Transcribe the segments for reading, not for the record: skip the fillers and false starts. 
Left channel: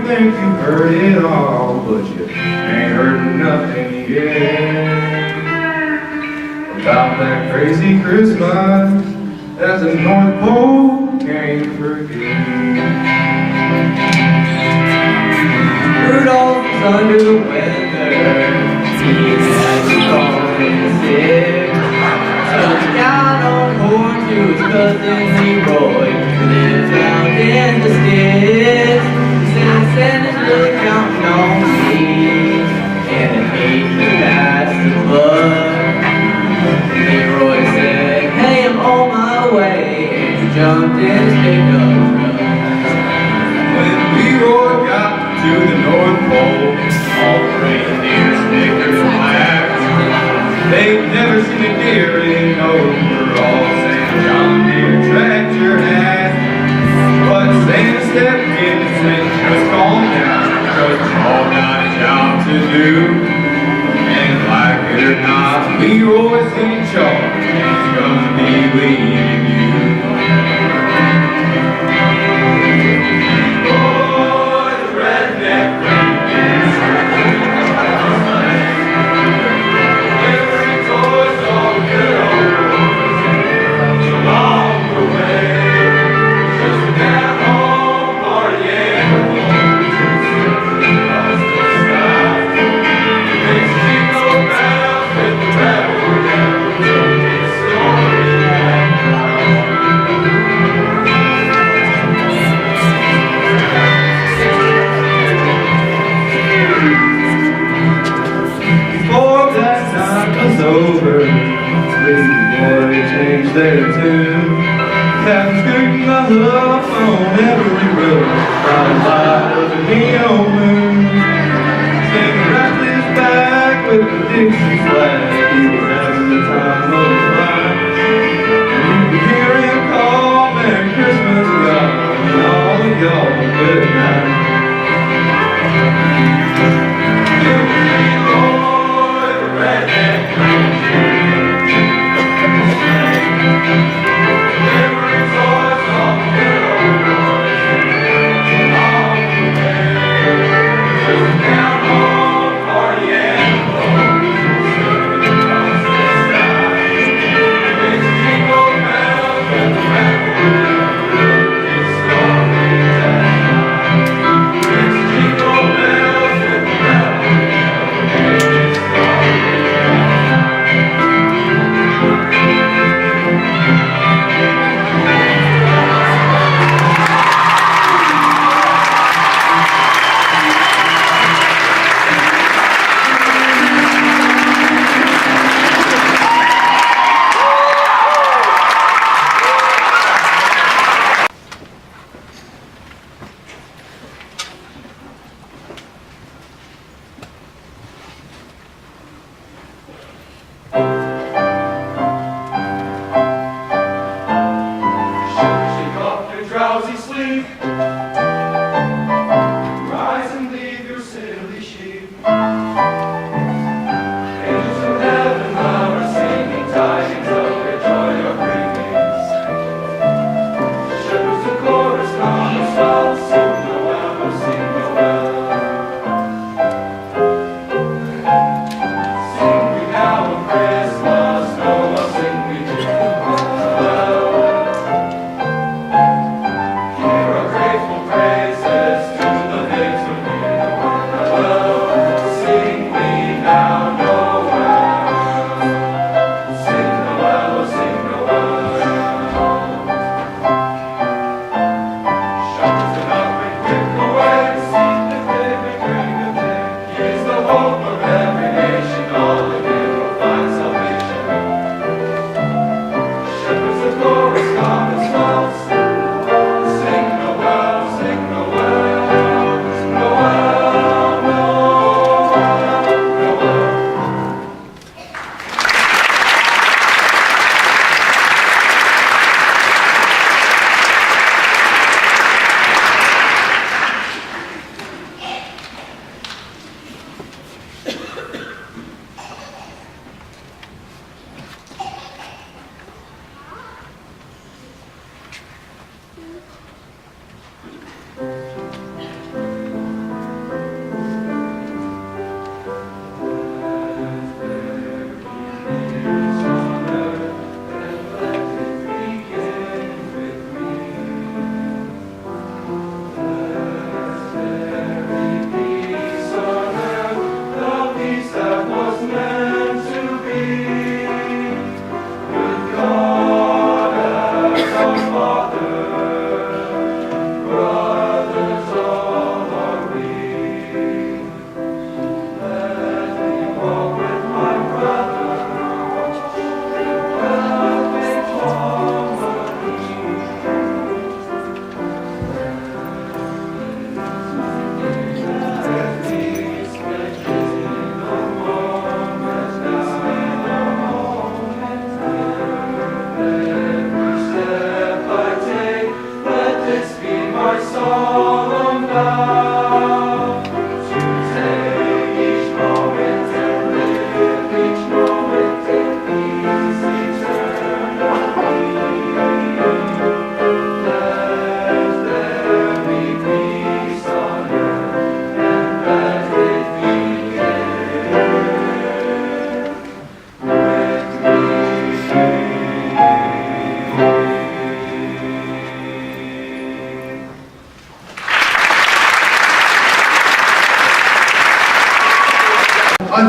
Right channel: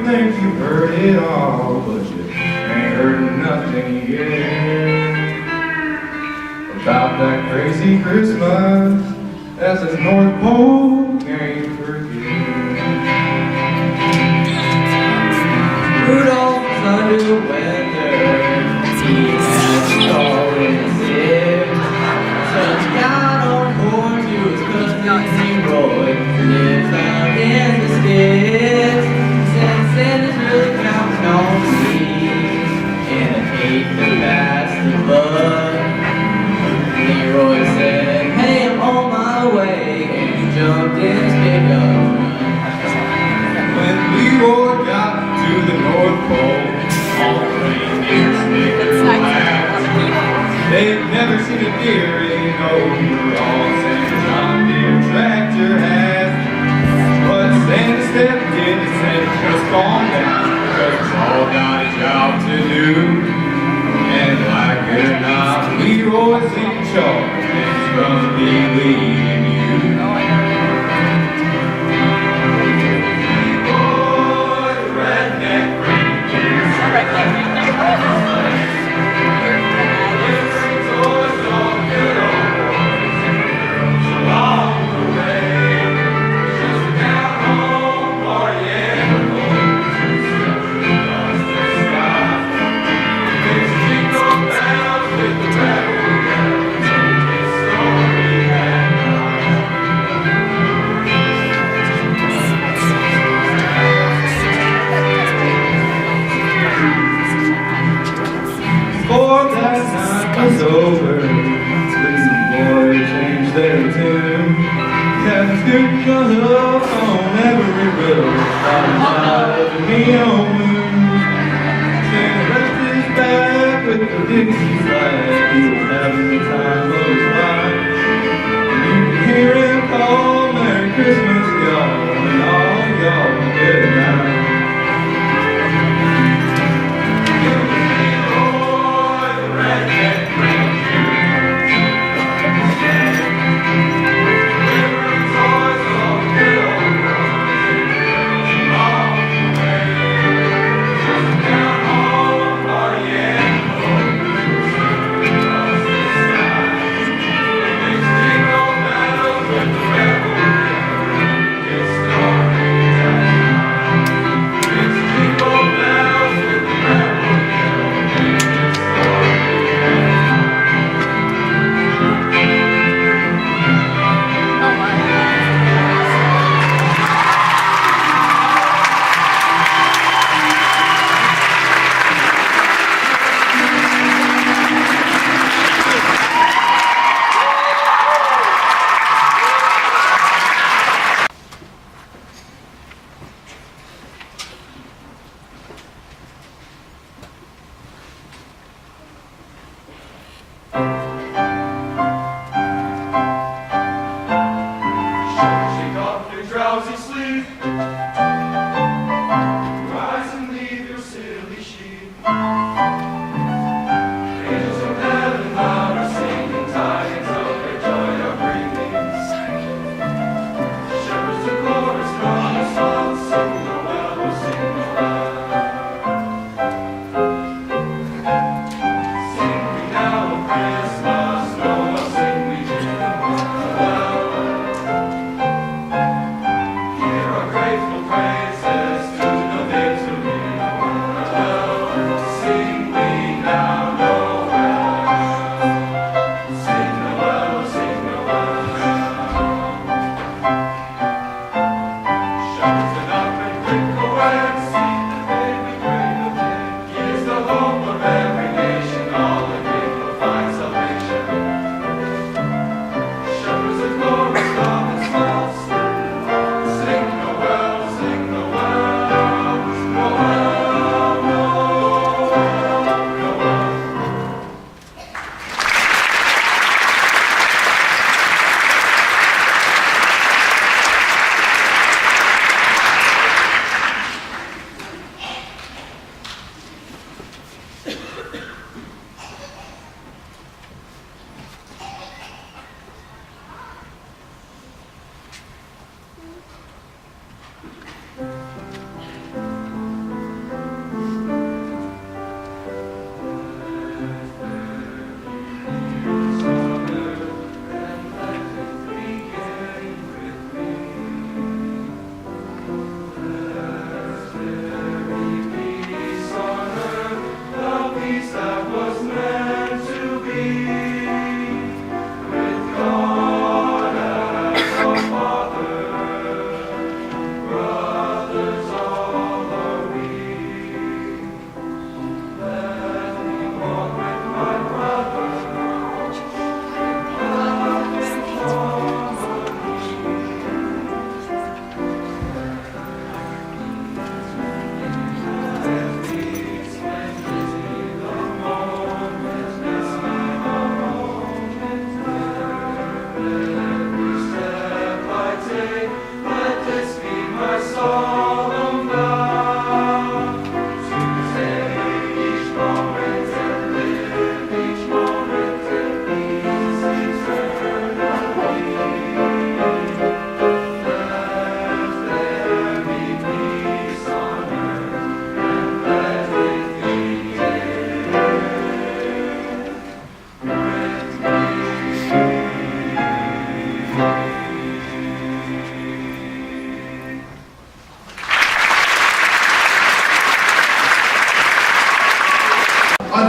you think you've heard it all, but you ain't heard nothing yet about that crazy Christmas that the North Pole can't forget. Rudolph's under the weather, he has a cold and sick. Some got on horn to his cousin Leroy, who lives out in the sticks. He said Santa's really counting on me, and I hate to pass the buck. Leroy said, hey, I'm on my way, and he jumped in his pickup truck. When Leroy got to the North Pole, all the reindeer snickered and laughed. They'd never seen a deer in overalls and John Deere tractor hat. But Santa stepped in and said, just calm down, because it's all got a job to do. And like it or not, Leroy's in charge, and he's gonna be leading you.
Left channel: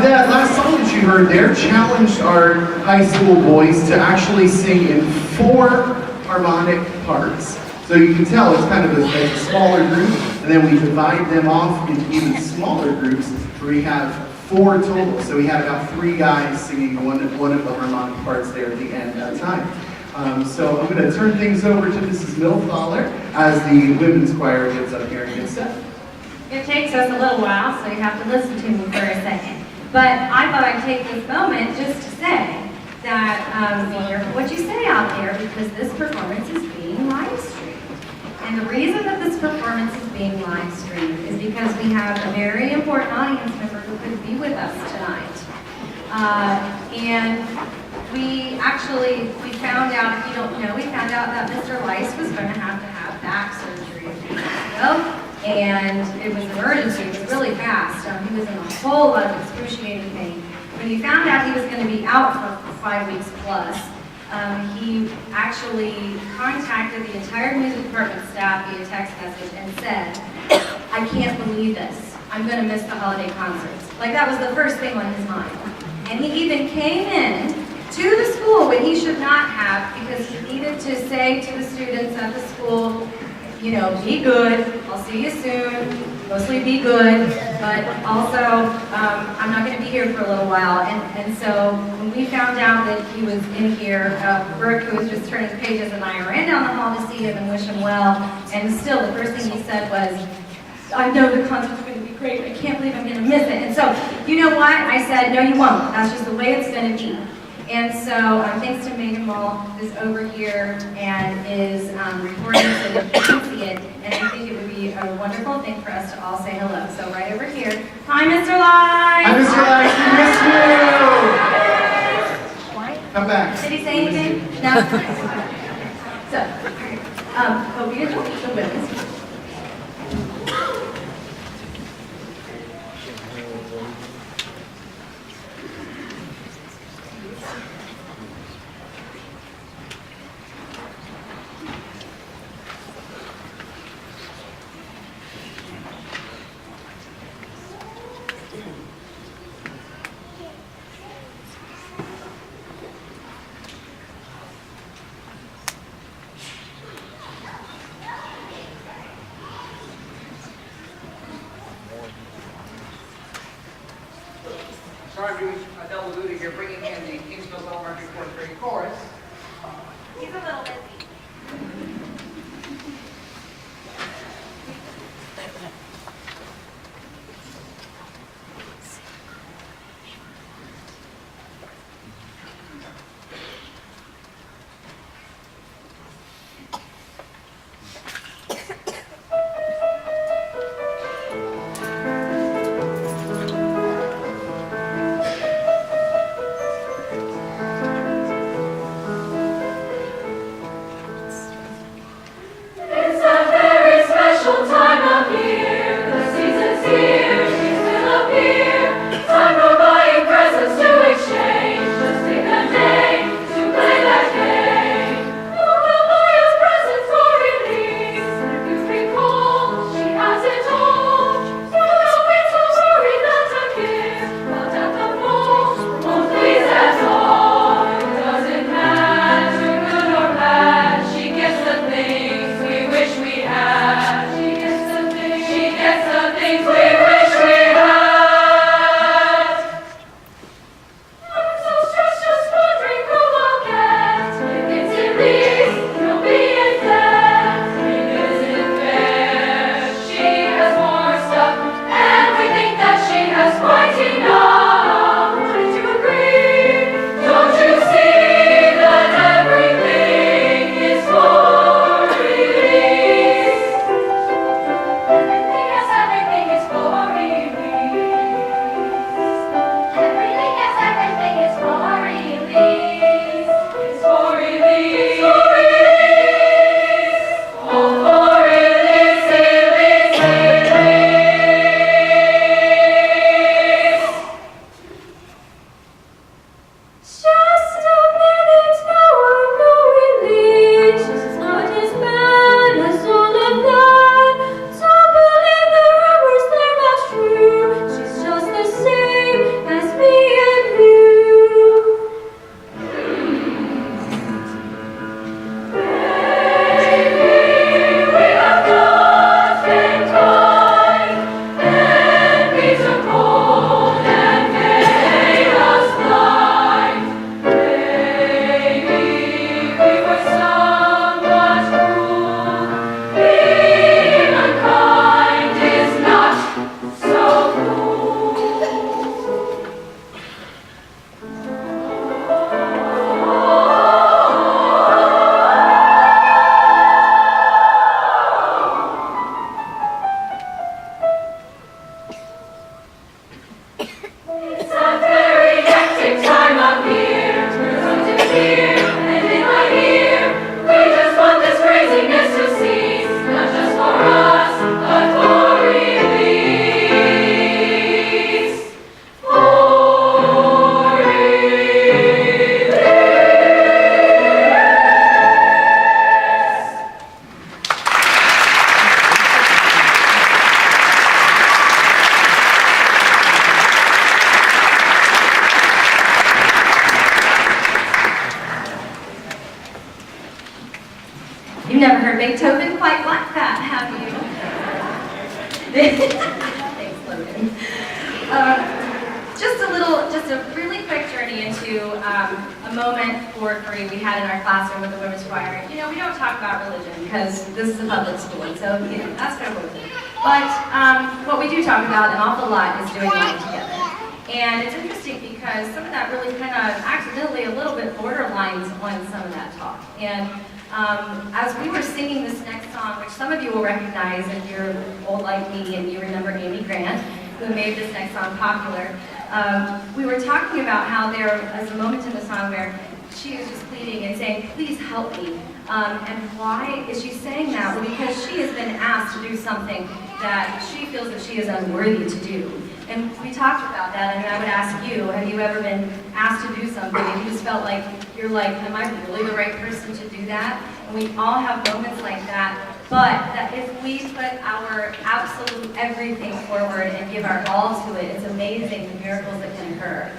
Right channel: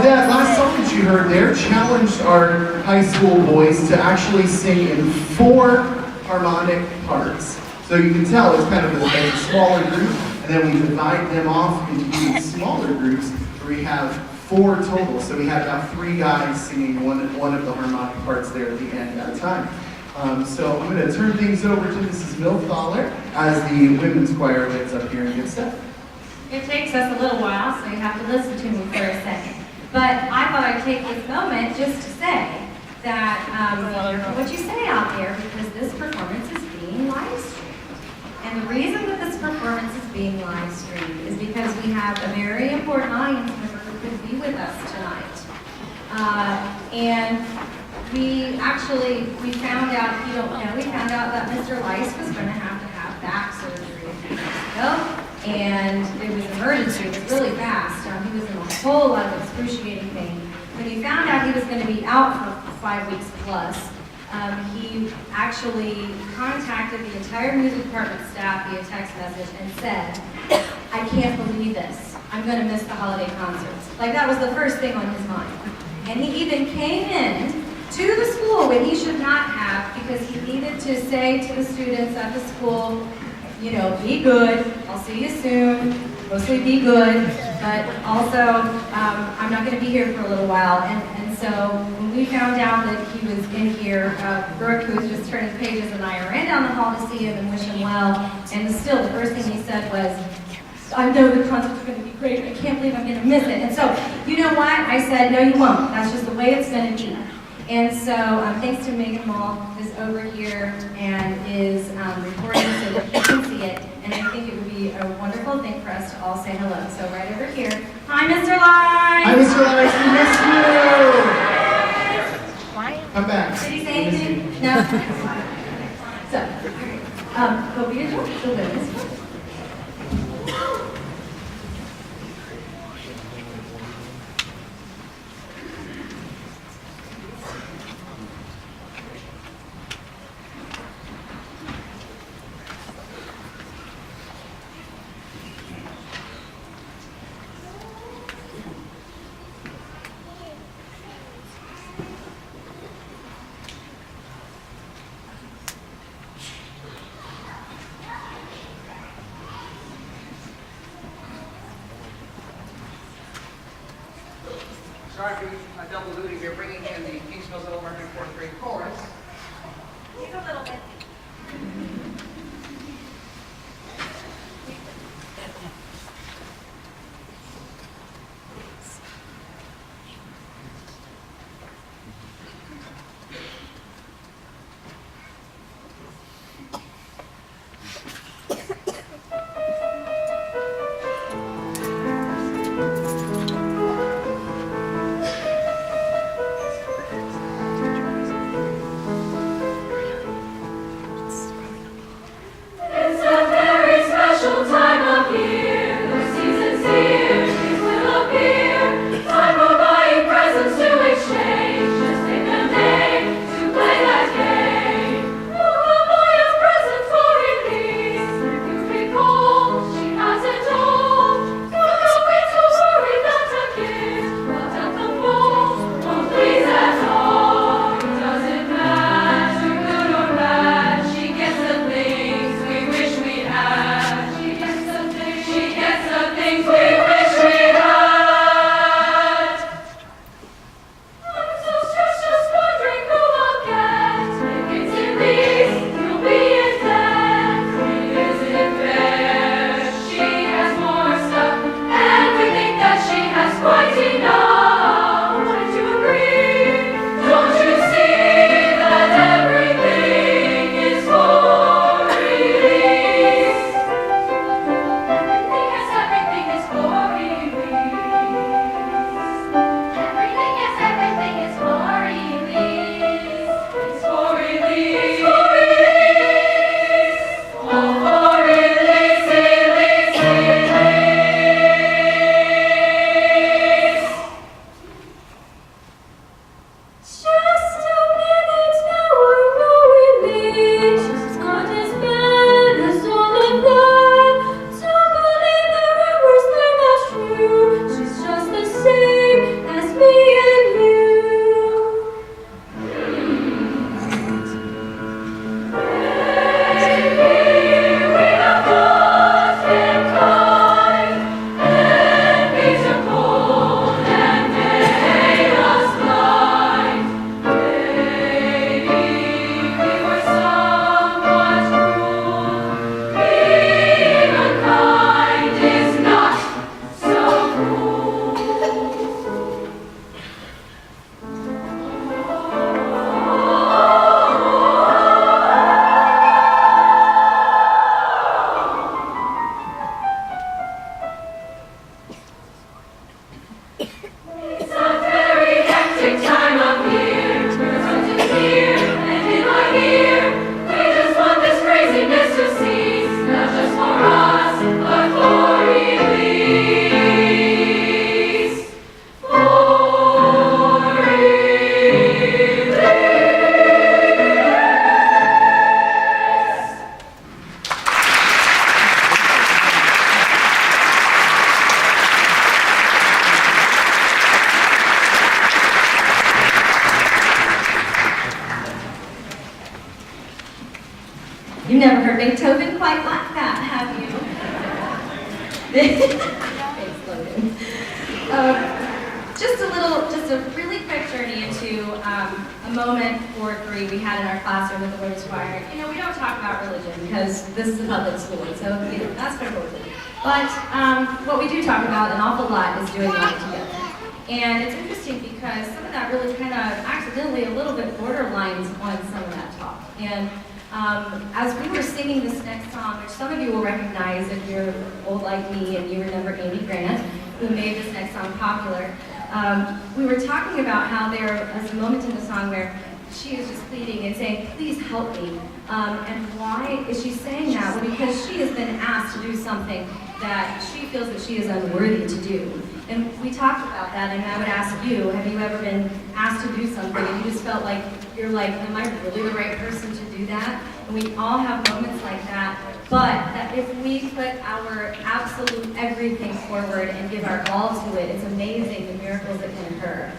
That last song that you heard there challenged our high school boys to actually sing in 4 harmonic parts. So you can tell it's kind of a smaller group, and then we divide them off into even smaller groups where we have 4 total. So we had about 3 guys singing one of the harmonic parts there at the end at a time. So I'm going to turn things over to Mrs. Milthaler as the women's choir gets up here and gets set. It takes us a little while, so you have to listen to me for a second. But I thought I'd take this moment just to say that be careful what you say out there, because this performance is being live streamed. And the reason that this performance is being live streamed is because we have a very important audience member who could be with us tonight. And we found out, if you don't know, we found out that Mr. Lice was going to have back surgery a few years ago. And it was an emergency, it was really fast. He was in a whole lot of excruciating pain. When he found out he was going to be out for 5 weeks plus, he actually contacted the entire music department staff via text message and said, "I can't believe this. I'm going to miss the holiday concerts." Like, that was the first thing on his mind. And he even came in to the school when he should not have, because he needed to say to the students at the school, you know, be good, I'll see you soon, mostly be good, but also, I'm not going to be here for a little while. And so when we found out that he was in here, Brooke, who was just turning pages, and I ran down the hall to see him and wish him well, and still the first thing he said was, "I know the concert's going to be great, I can't believe I'm going to miss it." And so, you know what? I said, "No, you won't. That's just the way it's going to be." And so, thanks to Megan Mall, who's over here and is recording so that you can see it. And I think it would be a wonderful thing for us to all say hello. So right over here. Hi, Mr. Lice! Hi, Mr. Lice, we miss you! Come back. Did he say anything? No? So, all right. Hope you enjoy the women's one. Sorry, doing a double duty here, bringing in the Kingsville Elementary 4th grade chorus. He's a little busy. Thanks, Logan. Just a really quick journey into a moment for Cree we had in our classroom with the women's choir. You know, we don't talk about religion because this is a public school, and so, you know, that's kind of religion. But what we do talk about an awful lot is doing life together. And it's interesting because some of that really kind of accidentally a little bit borderlines on some of that talk. And as we were singing this next song, which some of you will recognize if you're old like me and you remember Amy Grant, who made this next song popular, we were talking about how there was a moment in the song where she is just pleading and saying, please help me. And why is she saying that? Well, because she has been asked to do something that she feels that she is unworthy to do. And we talked about that, and I would ask you, have you ever been asked to do something and you just felt like, you're like, am I really the right person to do that? And we all have moments like that, but that if we put our absolute everything forward and give our all to it, it's amazing the miracles that can occur.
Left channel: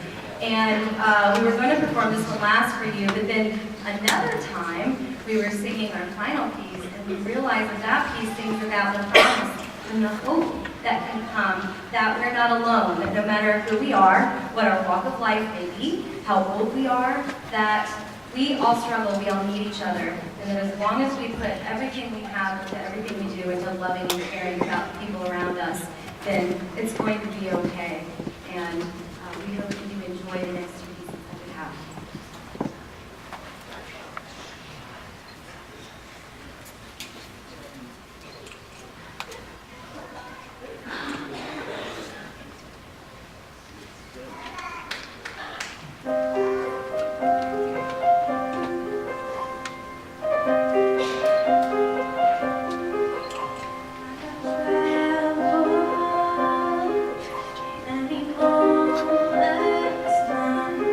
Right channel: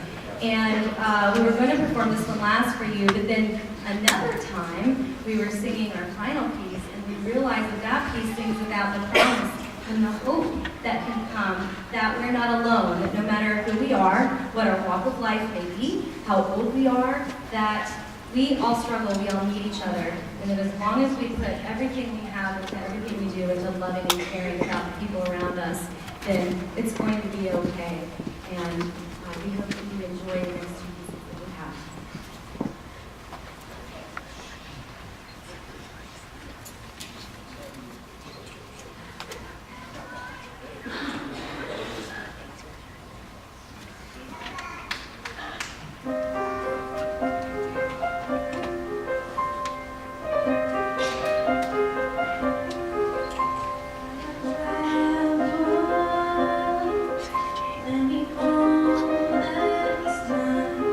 And we were going to perform this one last for you, but then another time we were singing our final piece, and we realized that that piece sings about the promise and the hope that can come, that we're not alone, that no matter who we are, what our walk of life may be, how old we are, that we all struggle, we all need each other, and that as long as we put everything we have into everything we do into loving and caring about the people around us, then it's going to be okay. And we hope that you enjoy the next two pieces that we have. Let me hold the sun.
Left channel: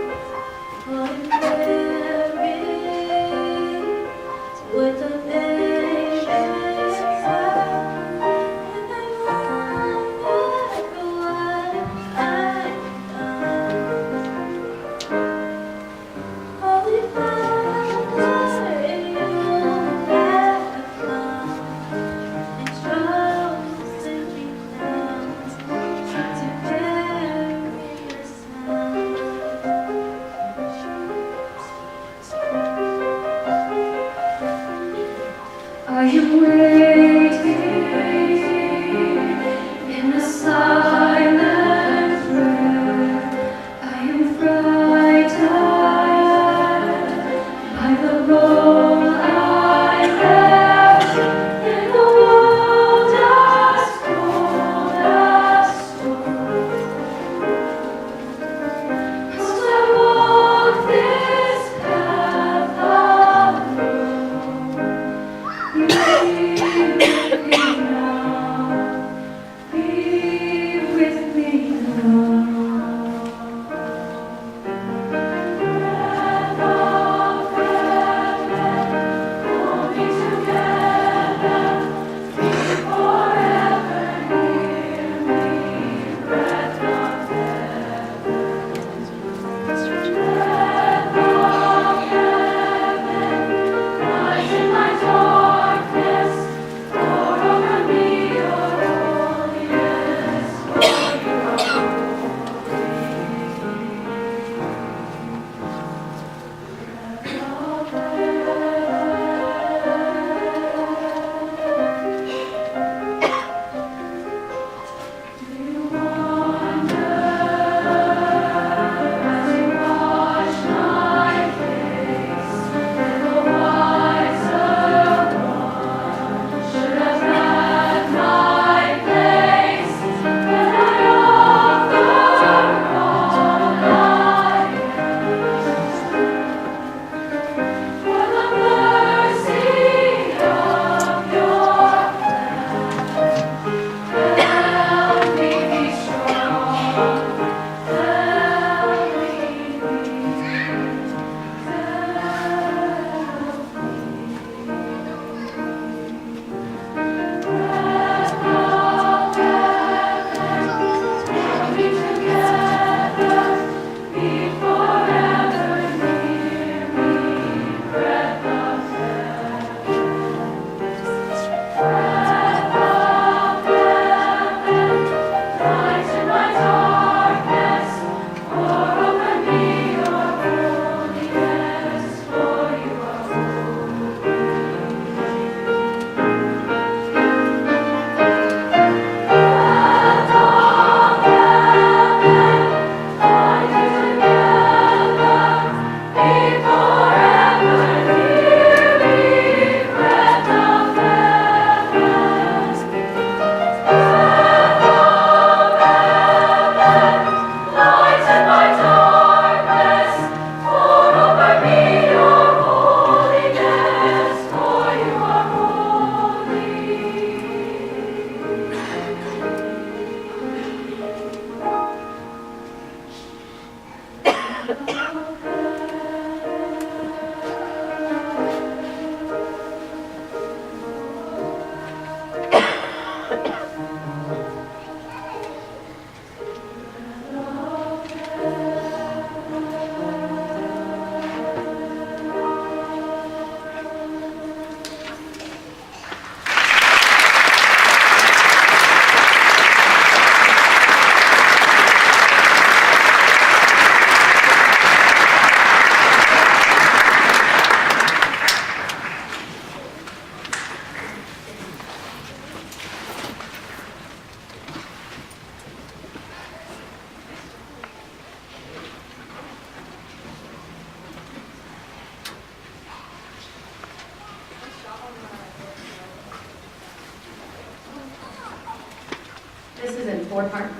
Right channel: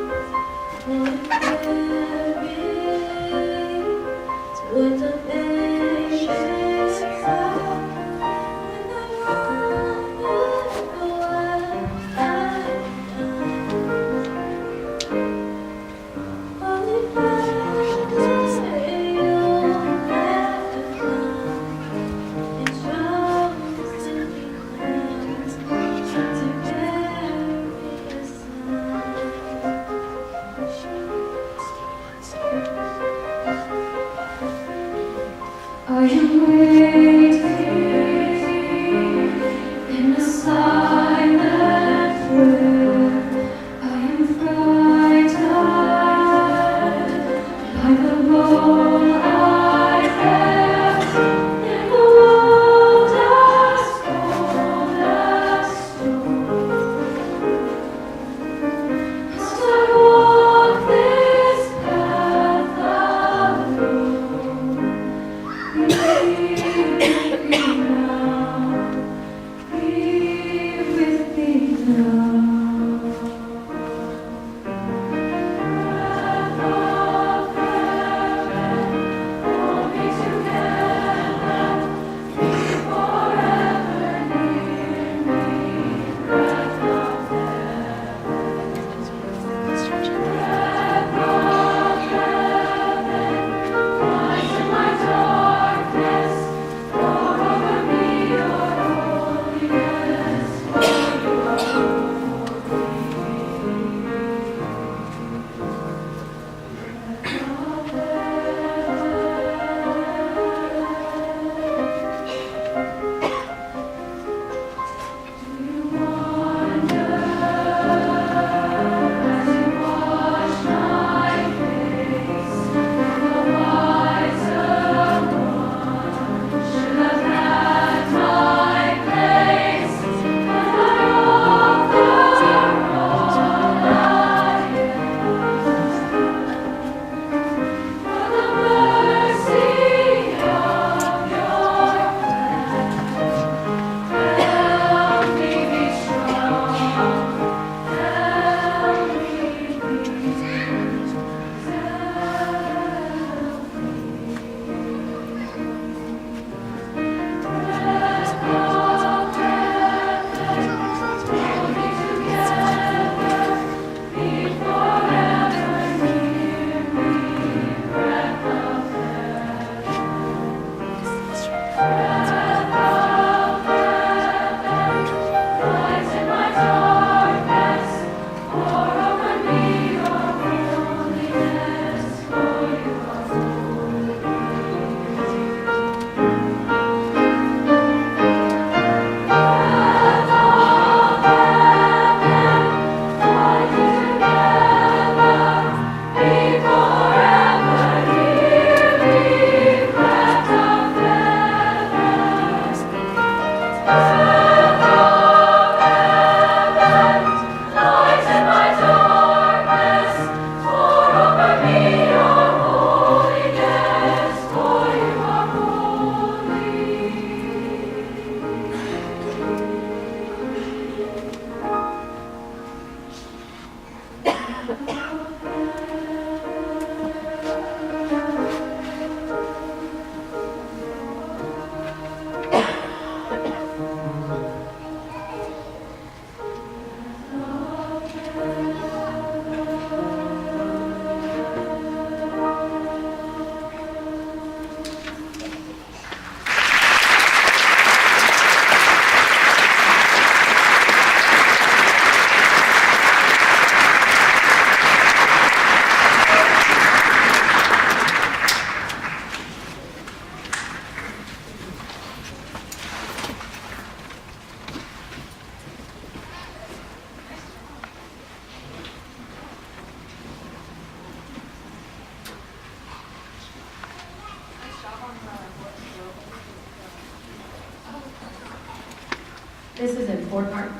This is in 4 parts.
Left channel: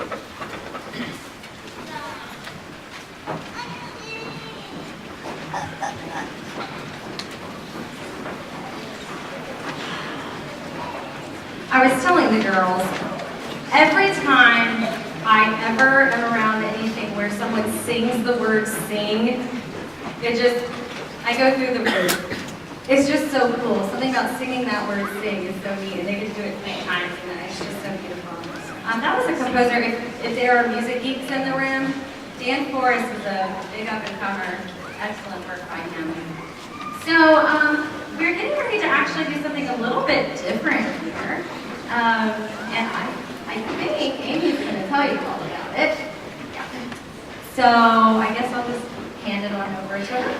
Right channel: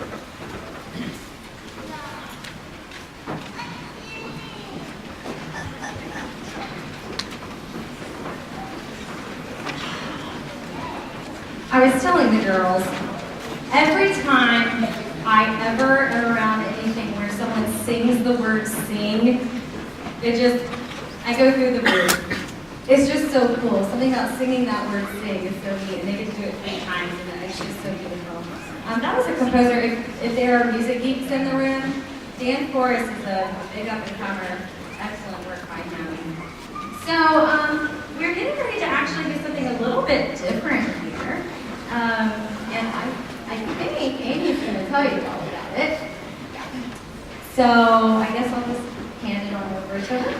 I was telling the girls, every time I ever am around anything where someone sings the word sing, I go through the roof. It's just so cool. Something about singing that word sing is so neat, and they get to do it 3 times, and it's just so beautiful. That was a composer, if there are music geeks in the room, Dan Forrest is a big up-and-comer, excellent work by him. So, we're getting ready to actually do something a little bit different here. And I think Amy's going to tell you all about it. Yeah. So I guess I'll just hand it on over to her.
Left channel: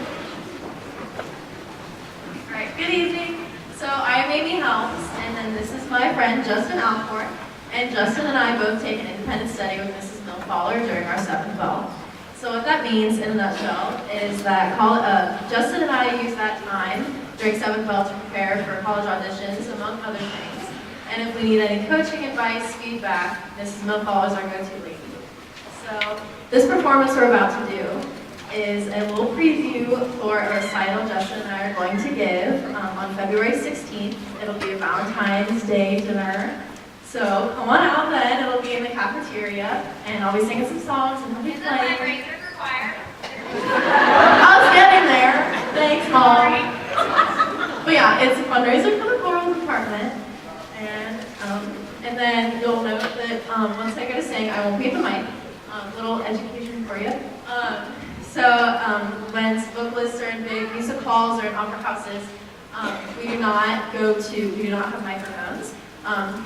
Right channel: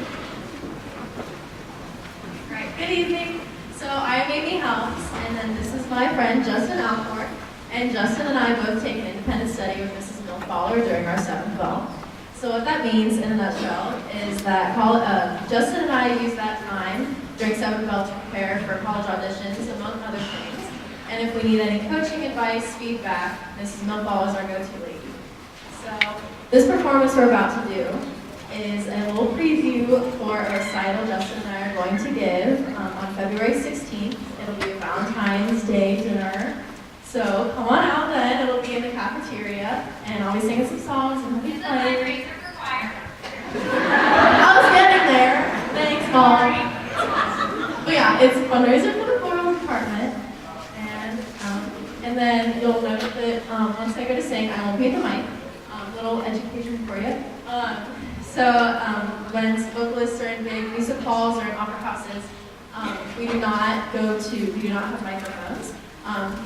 All right, good evening. So I am Amy Helms, and then this is my friend Justin Alcorn. And Justin and I both take an independent study with Mrs. Milfaller during our 7th bell. So what that means, in a nutshell, is that Justin and I use that time during 7th bell to prepare for college auditions, among other things. And if we need any coaching advice, feedback, Mrs. Milfaller is our go-to lady. So this performance we're about to do is a little preview for a recital Justin and I are going to give on February 16th. It'll be a Valentine's Day dinner. So come on out then, it'll be in the cafeteria, and I'll be singing some songs and he'll be playing. Is it fundraiser for choir? I was getting there. Thanks, Mom. But yeah, it's a fundraiser for the choral department. And then you'll note that once I go to sing, I won't be at the mic. Little education for you. When vocalists are in big music halls or in opera houses, we do not have microphones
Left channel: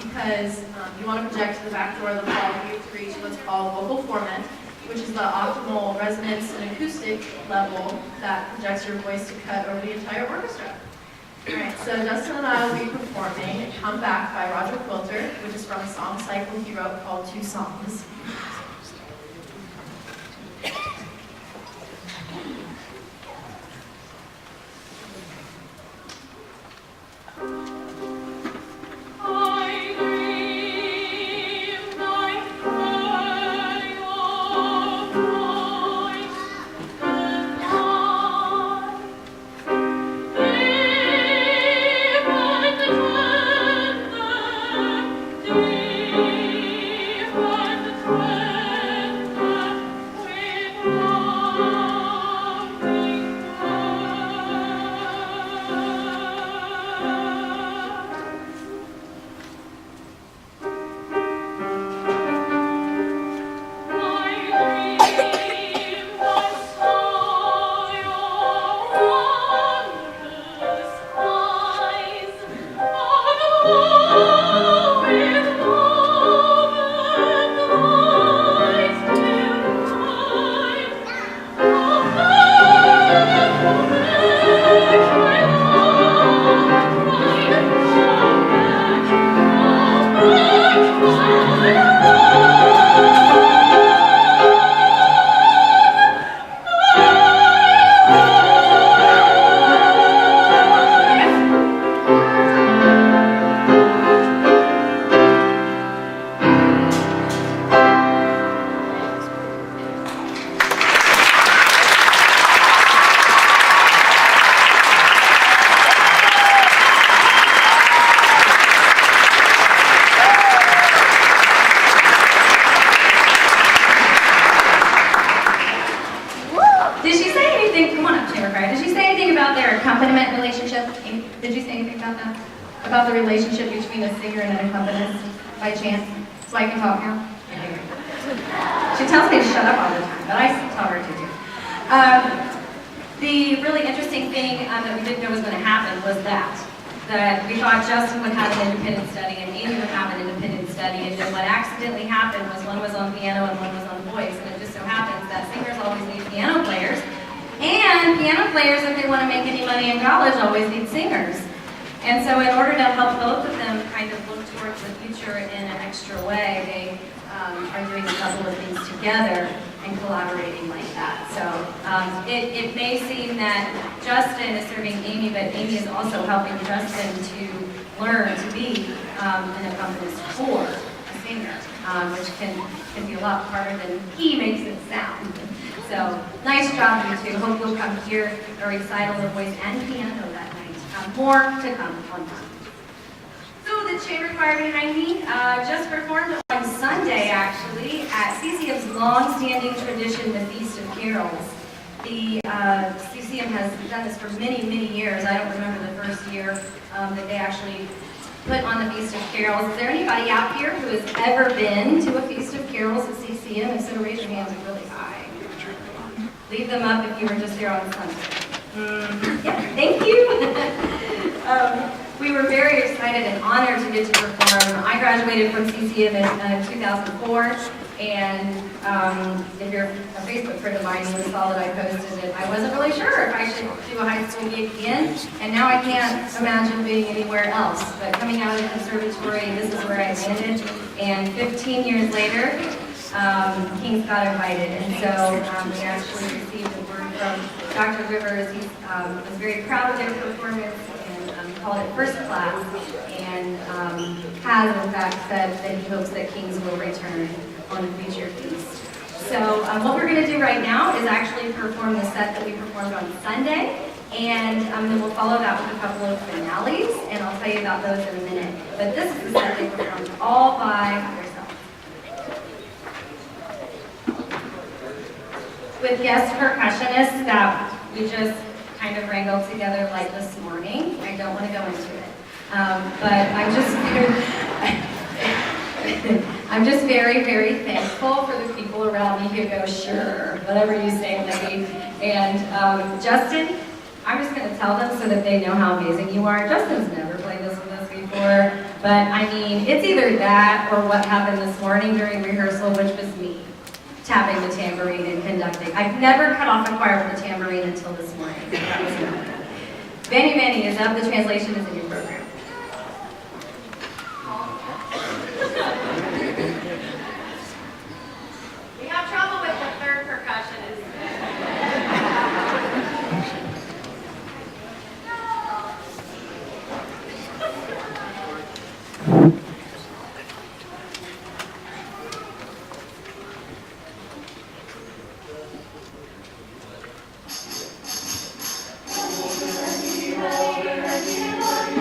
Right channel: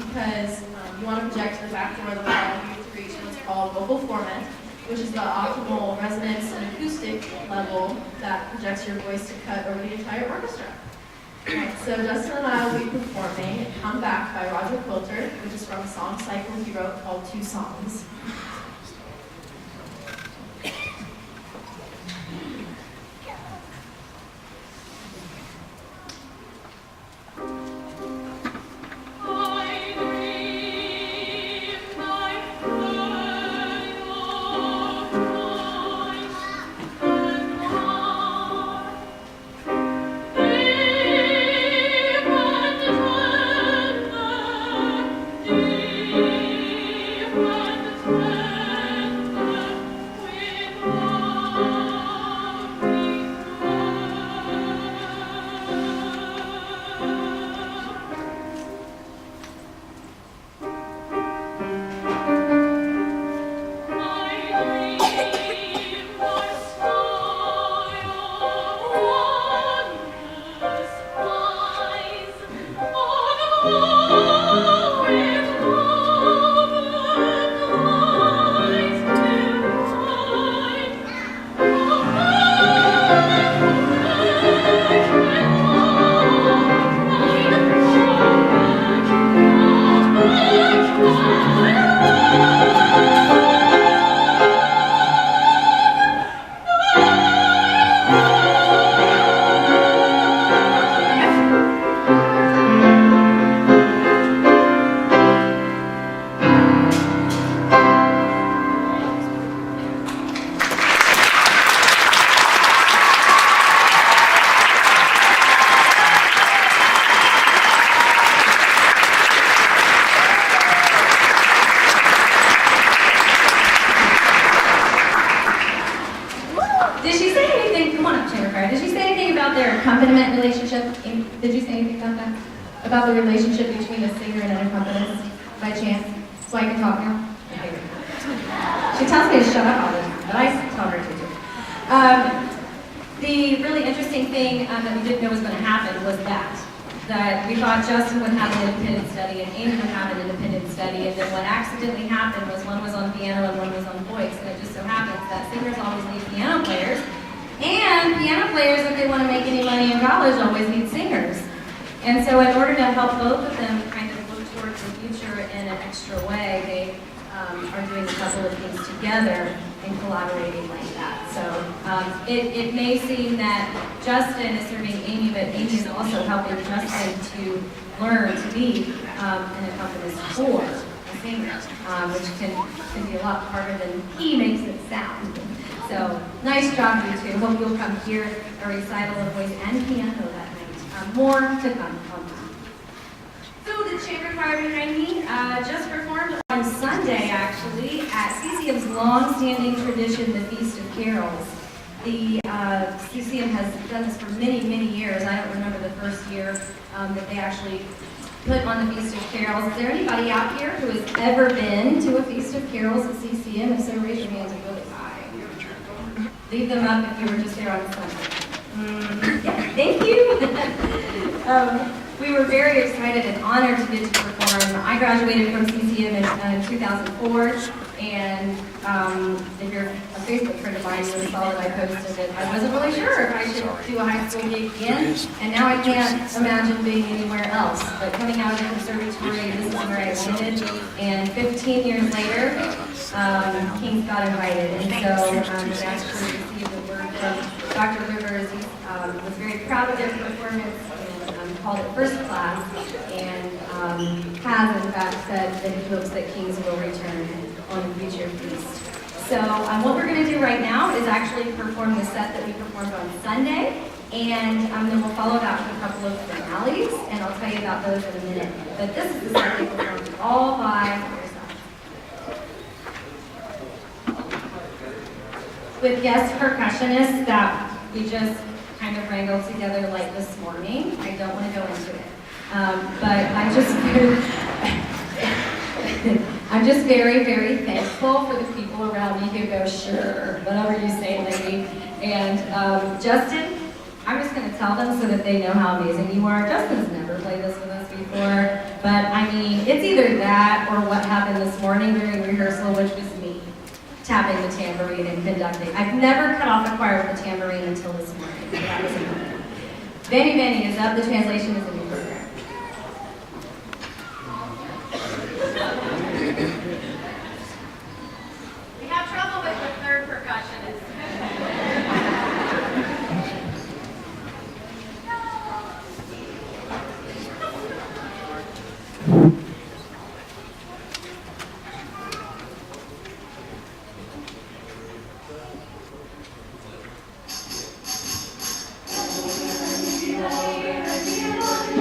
because you want to project to the back door of the hall for you to reach what's called vocal formant, which is the optimal resonance and acoustic level that projects your voice to cut over the entire orchestra. Alright, so Justin and I will be performing Come Back by Roger Quilter, which is from a song cycle he wrote called 2 Songs. accompaniment relationship? Did you say anything about that? About the relationship between a singer and an accompanist by chance? So I can talk now? Okay, great. She tells me to shut up all the time, but I tell her to do. The really interesting thing that we didn't know was going to happen was that we thought Justin would have an independent study and Amy would have an independent study, and then what accidentally happened was one was on piano and one was on voice, and it just so happens that singers always need piano players, and piano players, if they want to make any money in college, always need singers. And so in order to help both of them kind of look towards the future in an extra way, they are doing a couple of things together and collaborating like that. So it may seem that Justin is serving Amy, but Amy is also helping Justin to learn to be an accompanist for a singer, which can be a lot harder than he makes it sound. So nice job, you two. Hope you'll come hear a recital of voice and piano that night. More to come on that. So the chamber choir behind me just performed on Sunday, actually, at CCM's long-standing tradition, the Feast of Carols. The CCM has done this for many, many years. I don't remember the first year that they actually put on the Feast of Carols. Is there anybody out here who has ever been to a Feast of Carols at CCM? If so, raise your hands really high. Leave them up if you were just there on Sunday. Yeah, thank you. We were very excited and honored to get to perform. I graduated from CCM in 2004, and if you're a Facebook friend of mine, you saw that I posted it. I wasn't really sure if I should do a high school gig again, and now I can't imagine being anywhere else. But coming out of the conservatory, this is where I landed, and 15 years later, Kings got invited, and so we actually received the word from Dr. Rivers. He was very proud of their performance, called it first class, and has in fact said that he hopes that Kings will return on a future feast. So what we're going to do right now is actually perform the set that we performed on Sunday, and then we'll follow that with a couple of finales, and I'll tell you about those in a minute. But this is the set they performed all by themselves. With guest percussionists that we just kind of wrangled together like this morning. I don't want to go into it. But I'm just very, very thankful for the people around me who go, sure, whatever you say, lady. And Justin, I'm just going to tell them so that they know how amazing you are. Justin's never played this with us before, but I mean, it's either that or what happened this morning during rehearsal, which was me tapping the tambourine and conducting. I've never cut off a choir with a tambourine until this morning. That was enough. Benny Benny is up. The translation is in your program. We have trouble with the third percussionist. Older and older,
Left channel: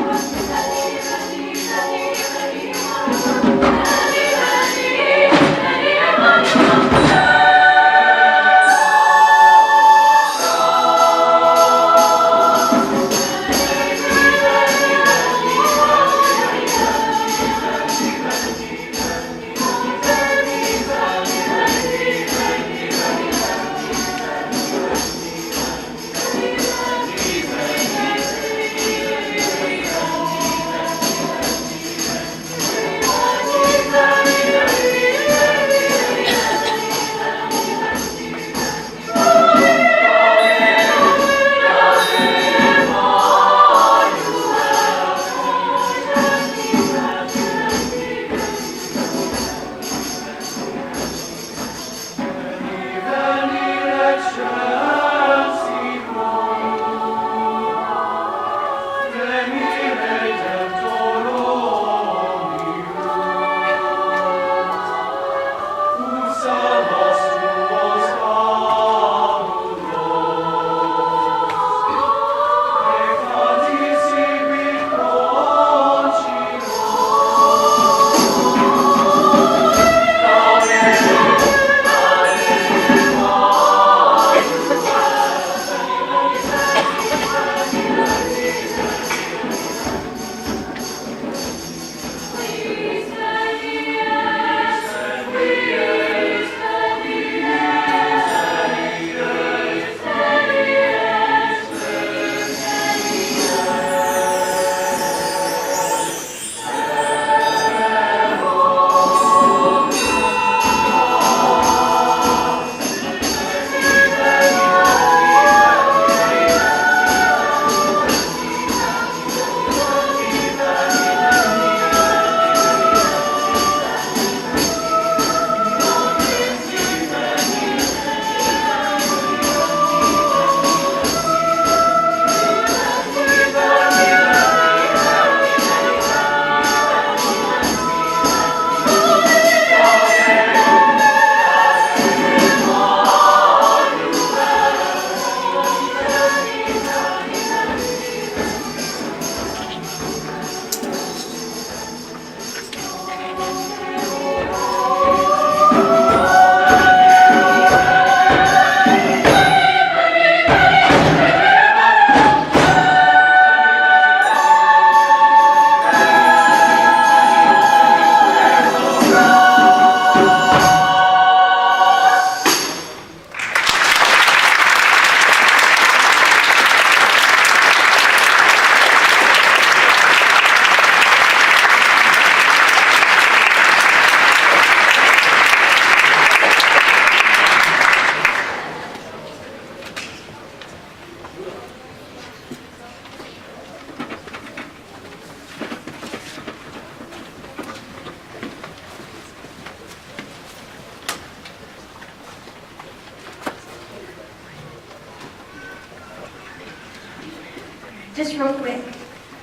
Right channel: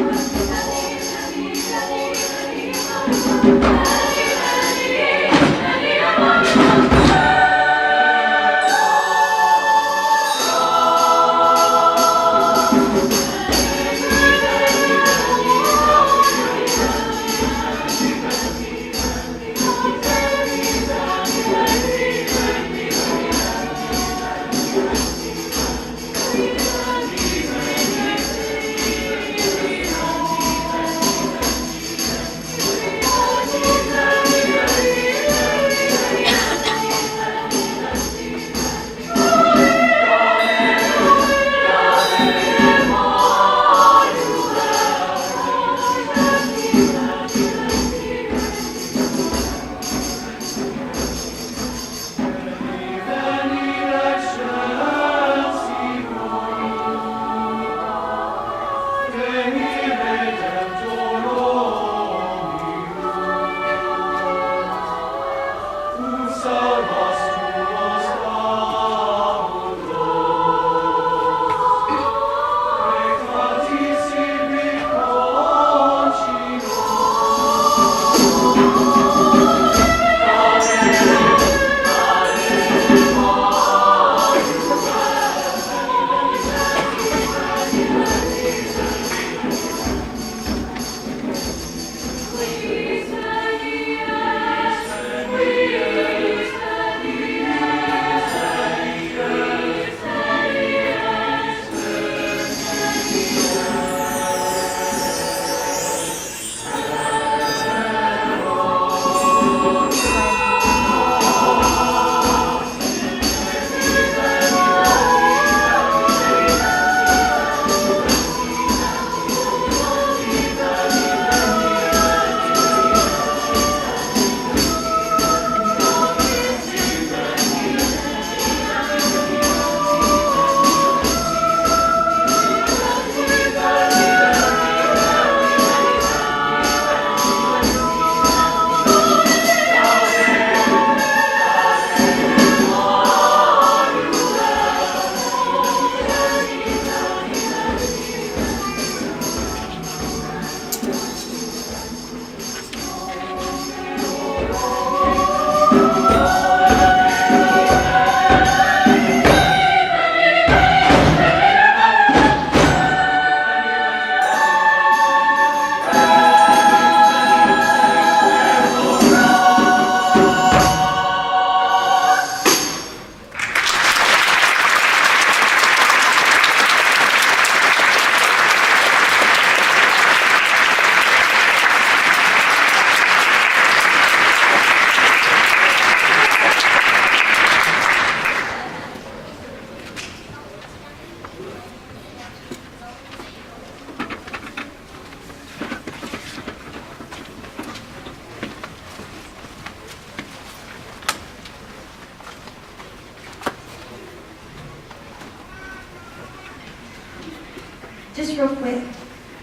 just real quick,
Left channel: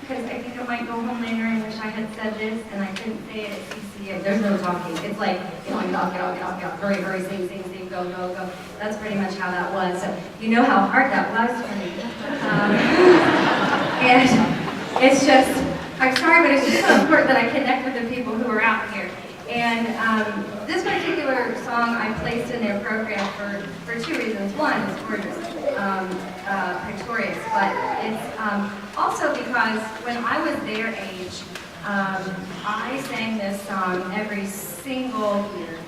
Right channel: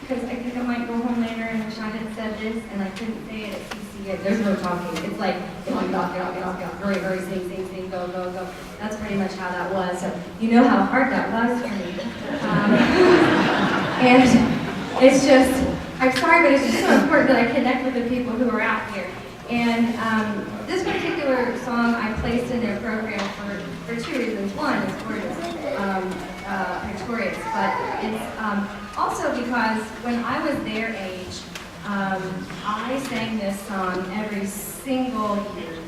because I think I might go home later and wish I had said this, and I couldn't say it at CCA. There's no talking. It's like, get on, get off, hurry, hurry, sing, go, go, go. That's pretty much how that was. So you know how hard that was for me. And it's just, I'm sorry, but it's just so important that I connect with the people who are out here. And this particular song I placed in their program for two reasons. One, it's gorgeous, Pretorius, but it's also because when I was their age, I sang this song every single year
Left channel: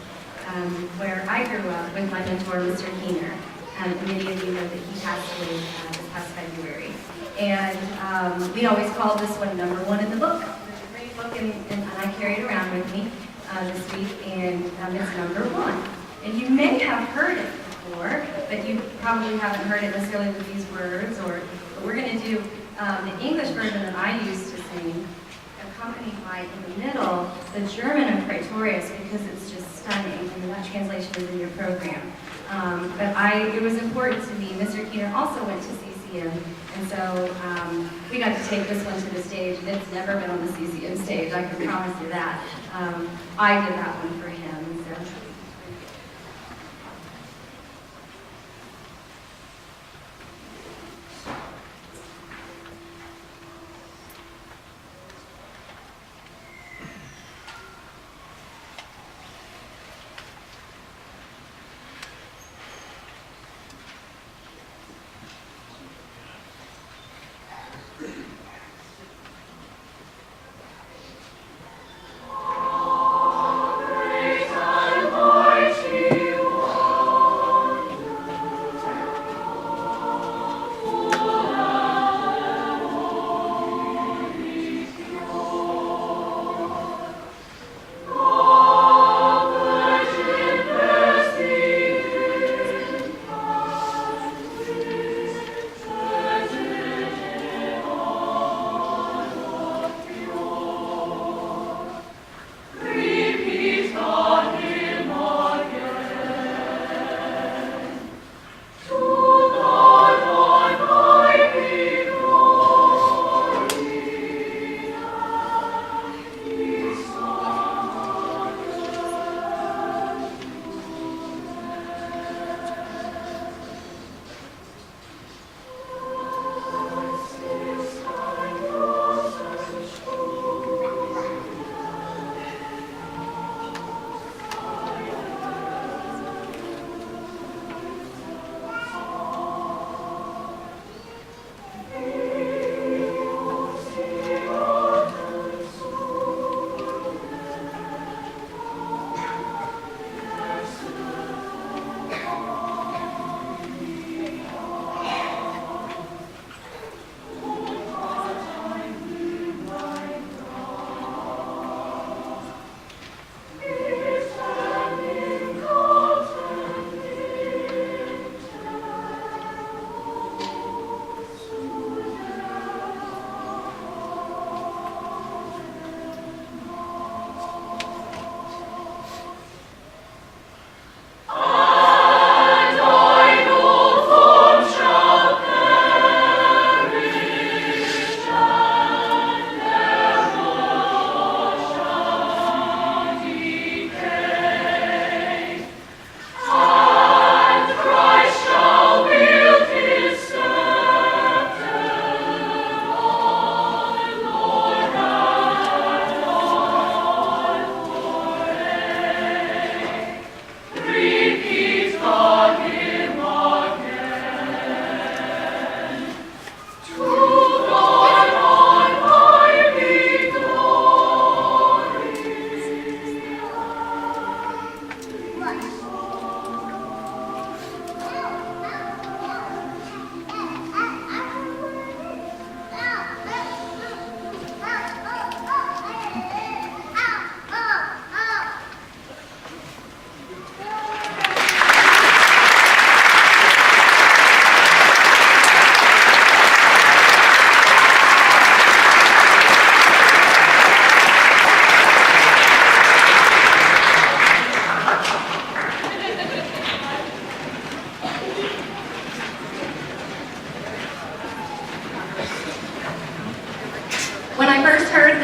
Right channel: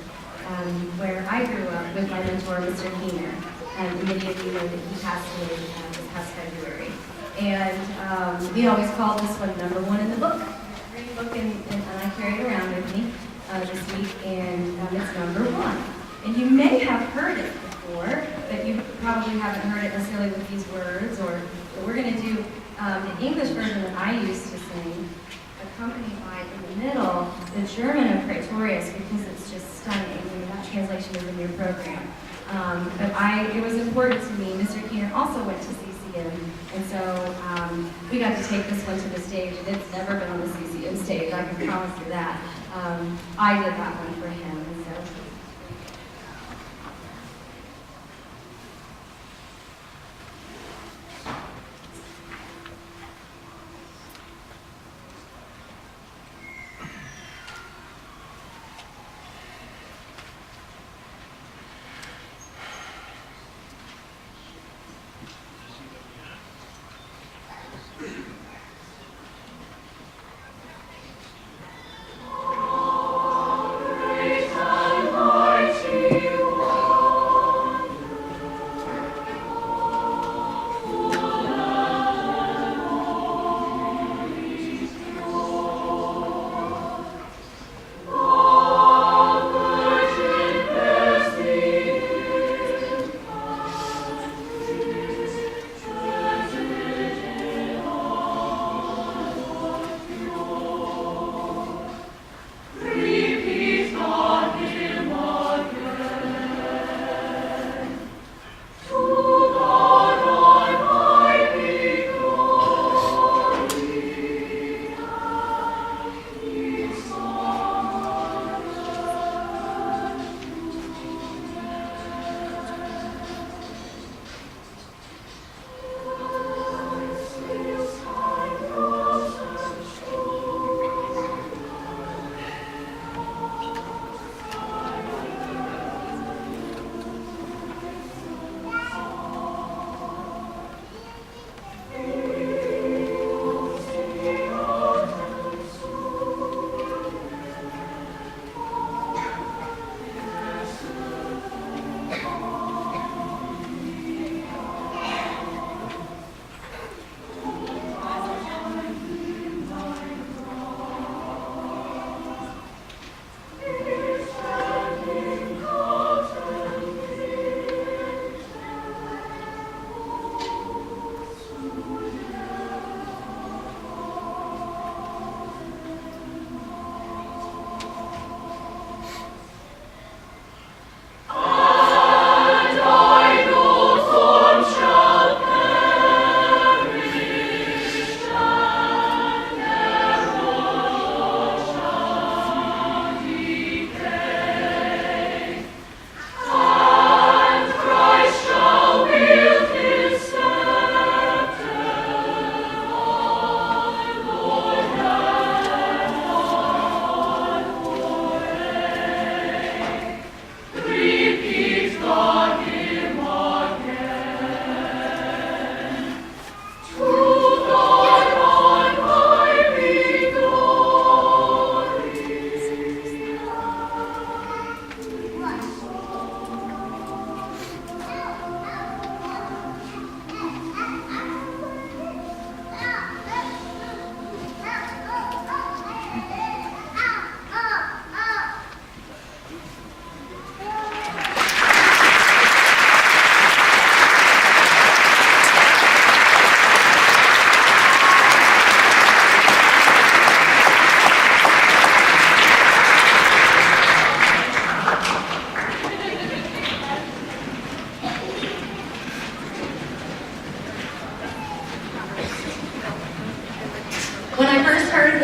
where I grew up with my mentor, Mr. Keener. And many of you know that he passed away this past February. And we always called this one #1 in the book. Great book, and I carry it around with me this week, and it's #1. And you may have heard it before, but you probably haven't heard it necessarily with these words. But we're going to do the English version that I used to sing, accompanied by, in the middle, the German of Praetorius, because it's just stunning, and that translation is in your program. But it was important to me. Mr. Keener also went to CCM, and so we got to take this one to the stage, and it's never been on the CCM stage, I can promise you that. I did that one for him, so. Great and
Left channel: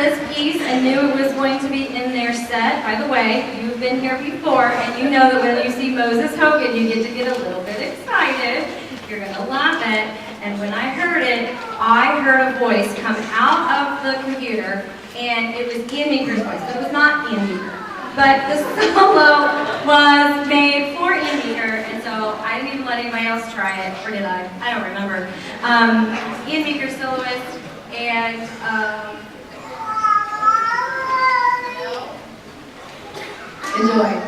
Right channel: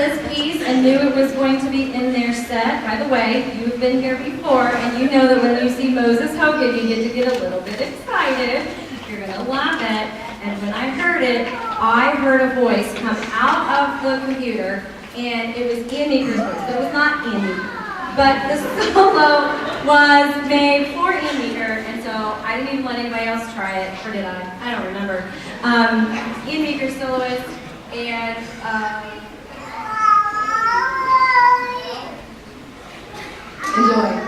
this piece and knew it was going to be in their set. By the way, you've been here before, and you know that when you see Moses Hogan, you get to get a little bit excited. You're going to love it. And when I heard it, I heard a voice come out of the computer, and it was Ian Meeker's voice, but it was not Ian Meeker. But the solo was made for Ian Meeker, and so I didn't even let anybody else try it, or did I? I don't remember. Ian Meeker soloist, and enjoy.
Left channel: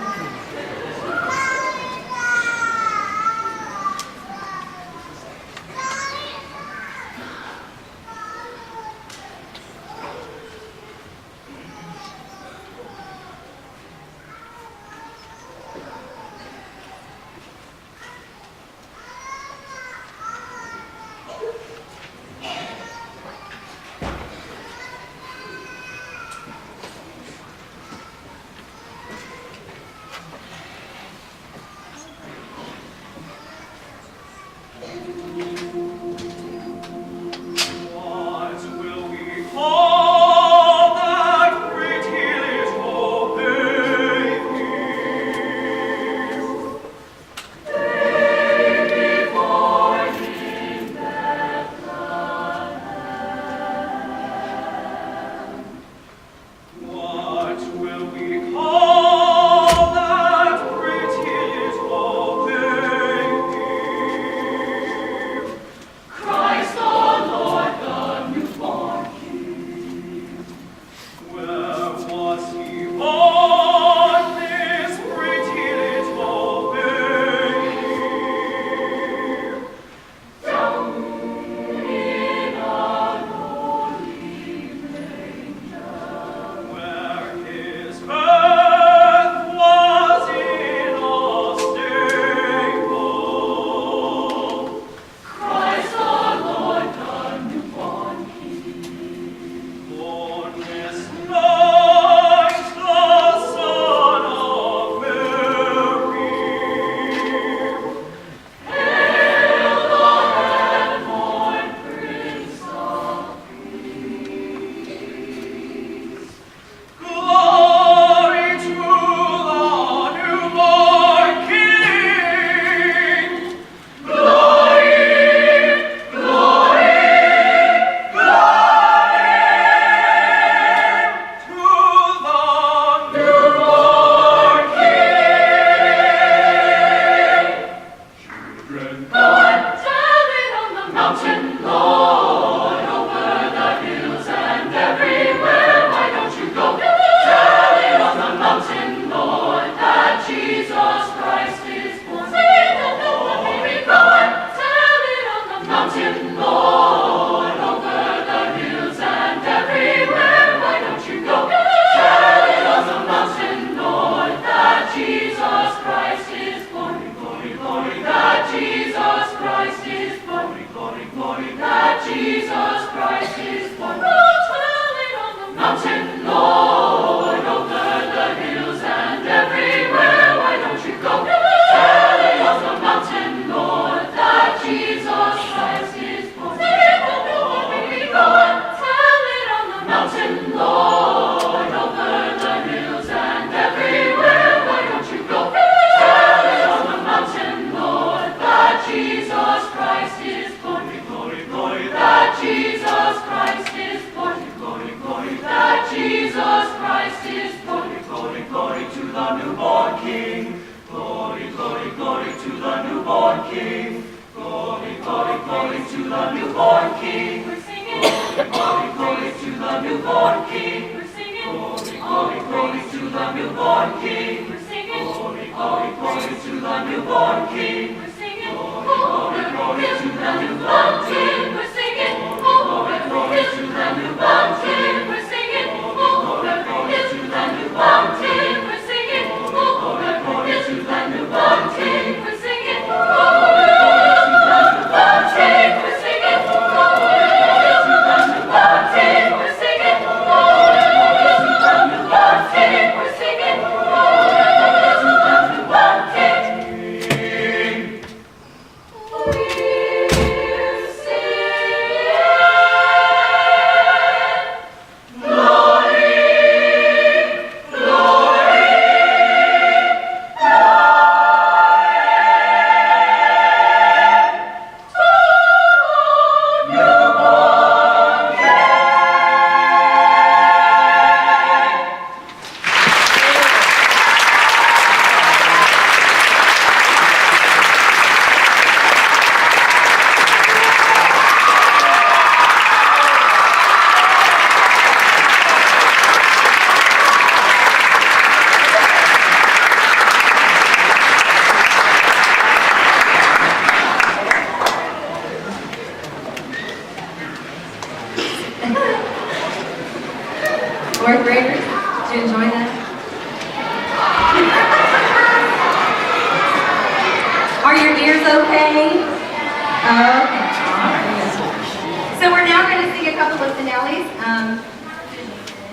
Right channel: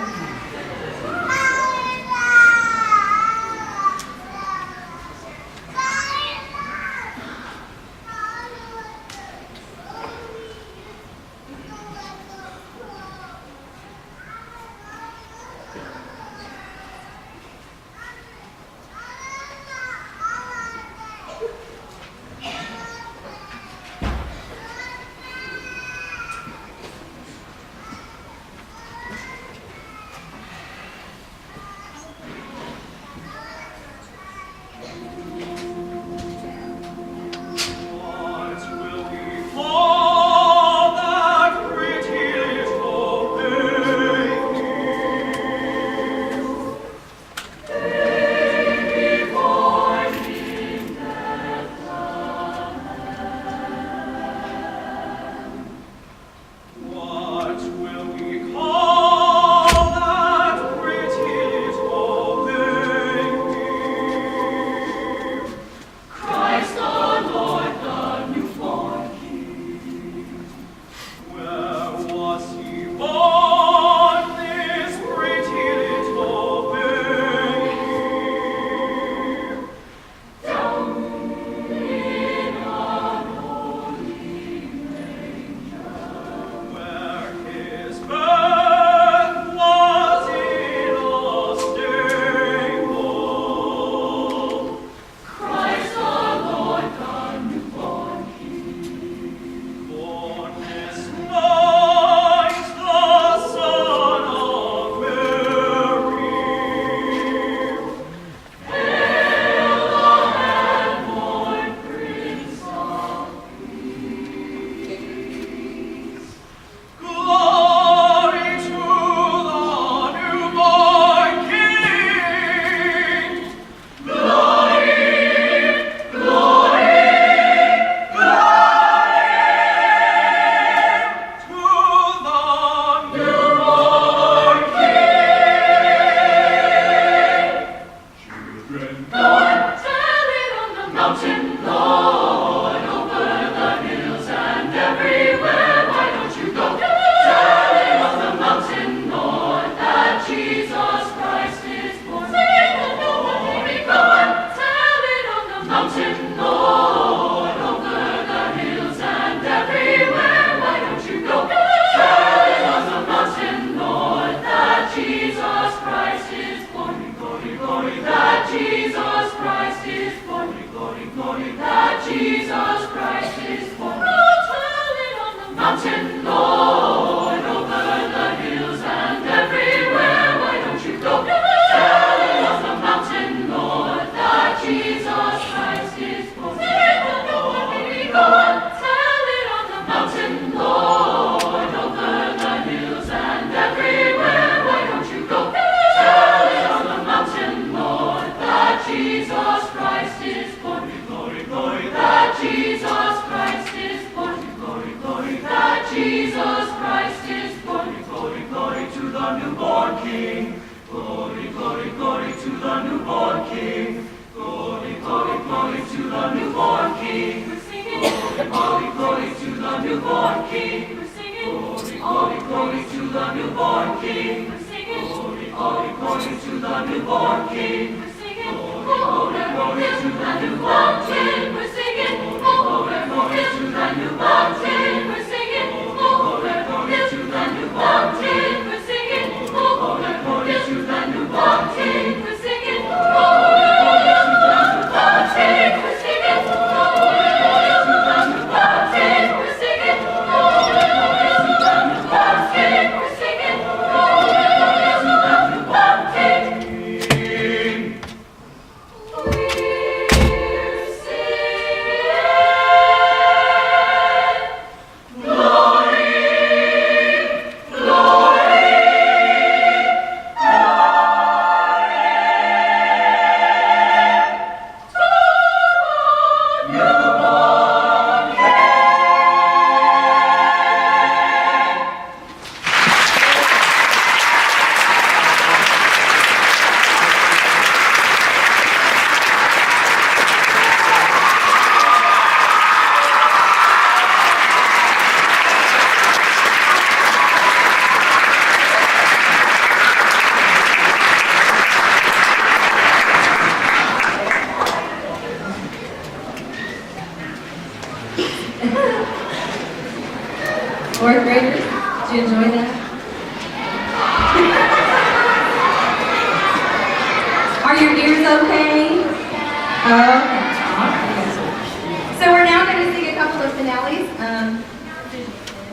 your ears okay? Okay, all right. So we're now going to sing a couple of finales.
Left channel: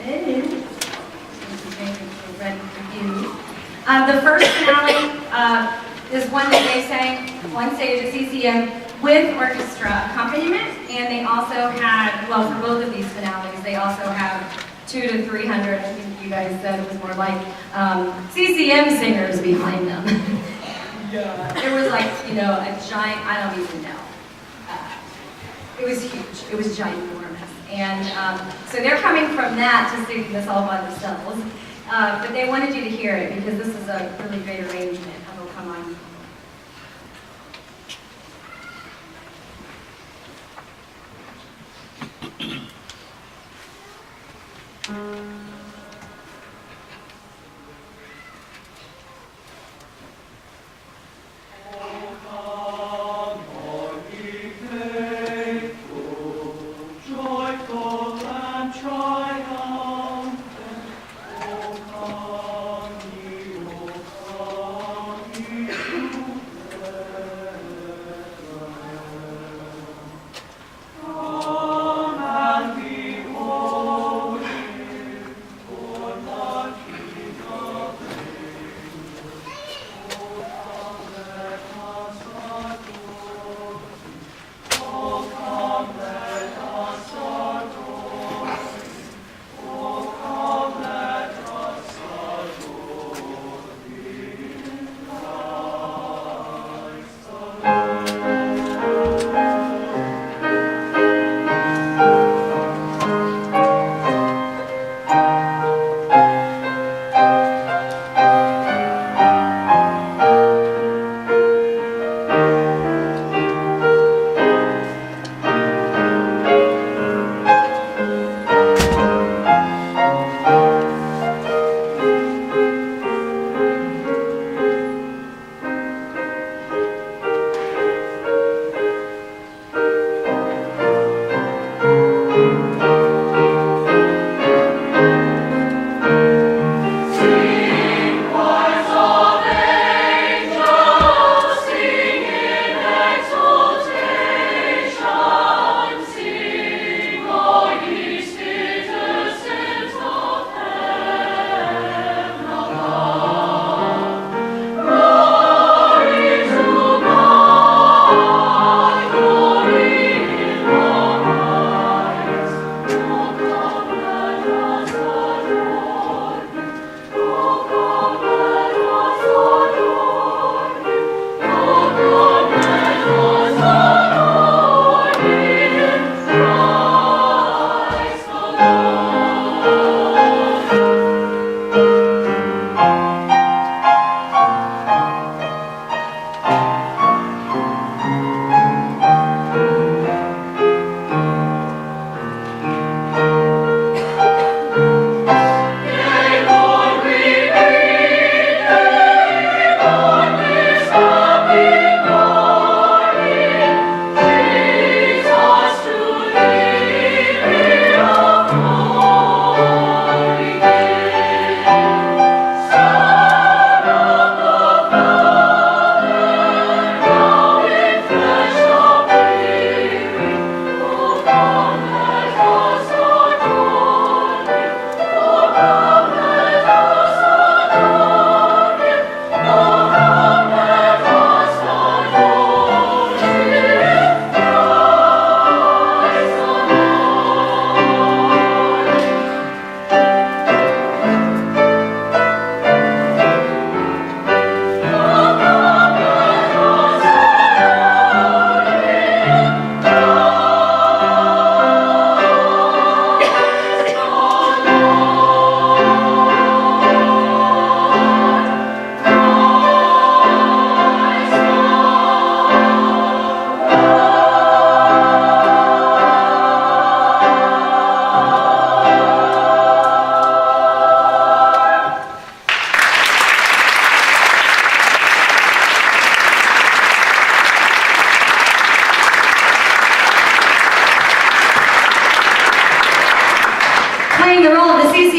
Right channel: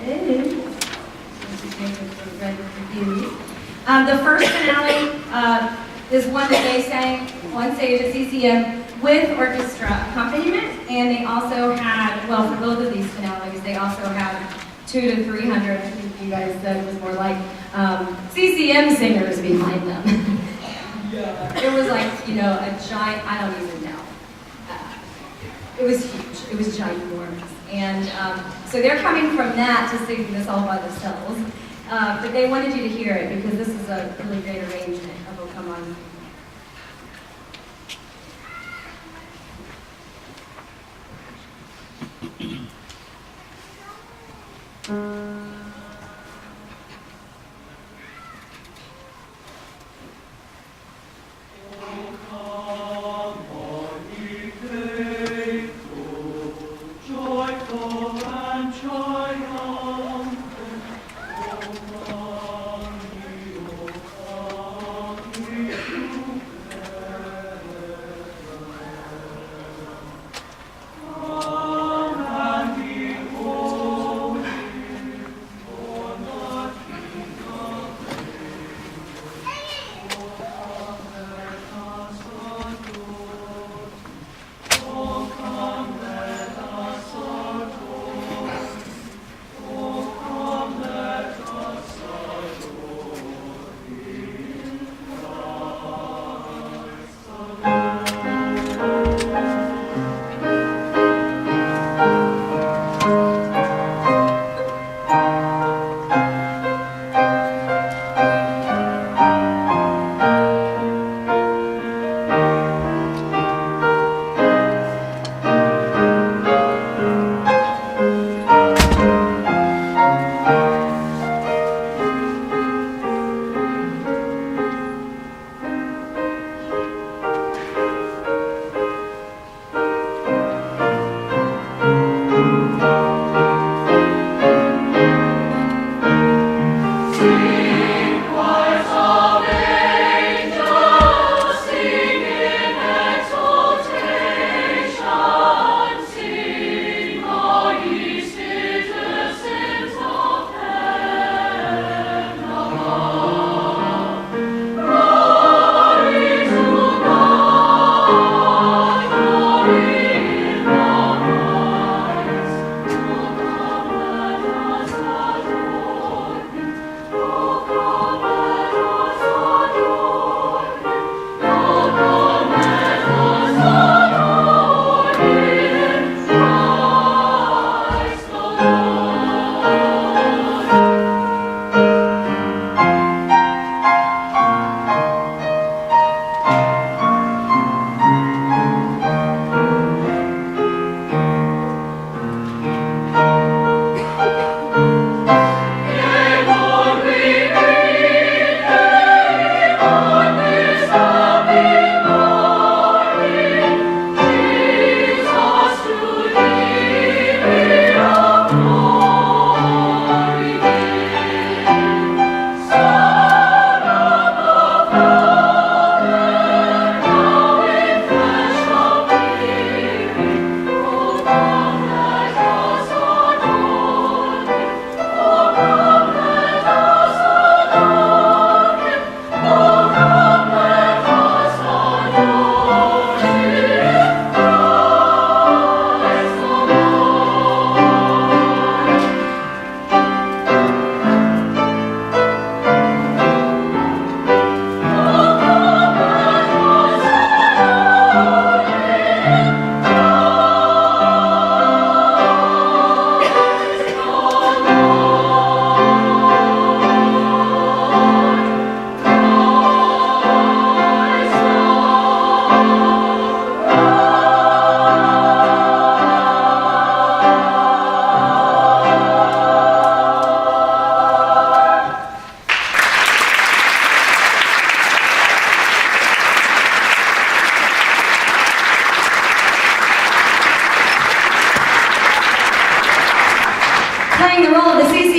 Ready for you. The first finale is one that they sang on stage at CCM with orchestra accompaniment, and they also had, well, for both of these finales, they also had 200 to 300, I think you guys said it was more like CCM singers behind them. Yeah. It was like, you know, a giant, I don't even know. It was huge. It was ginormous. And so they're coming from that to singing this all by themselves. But they wanted you to hear it because this is a really great arrangement of O Come On.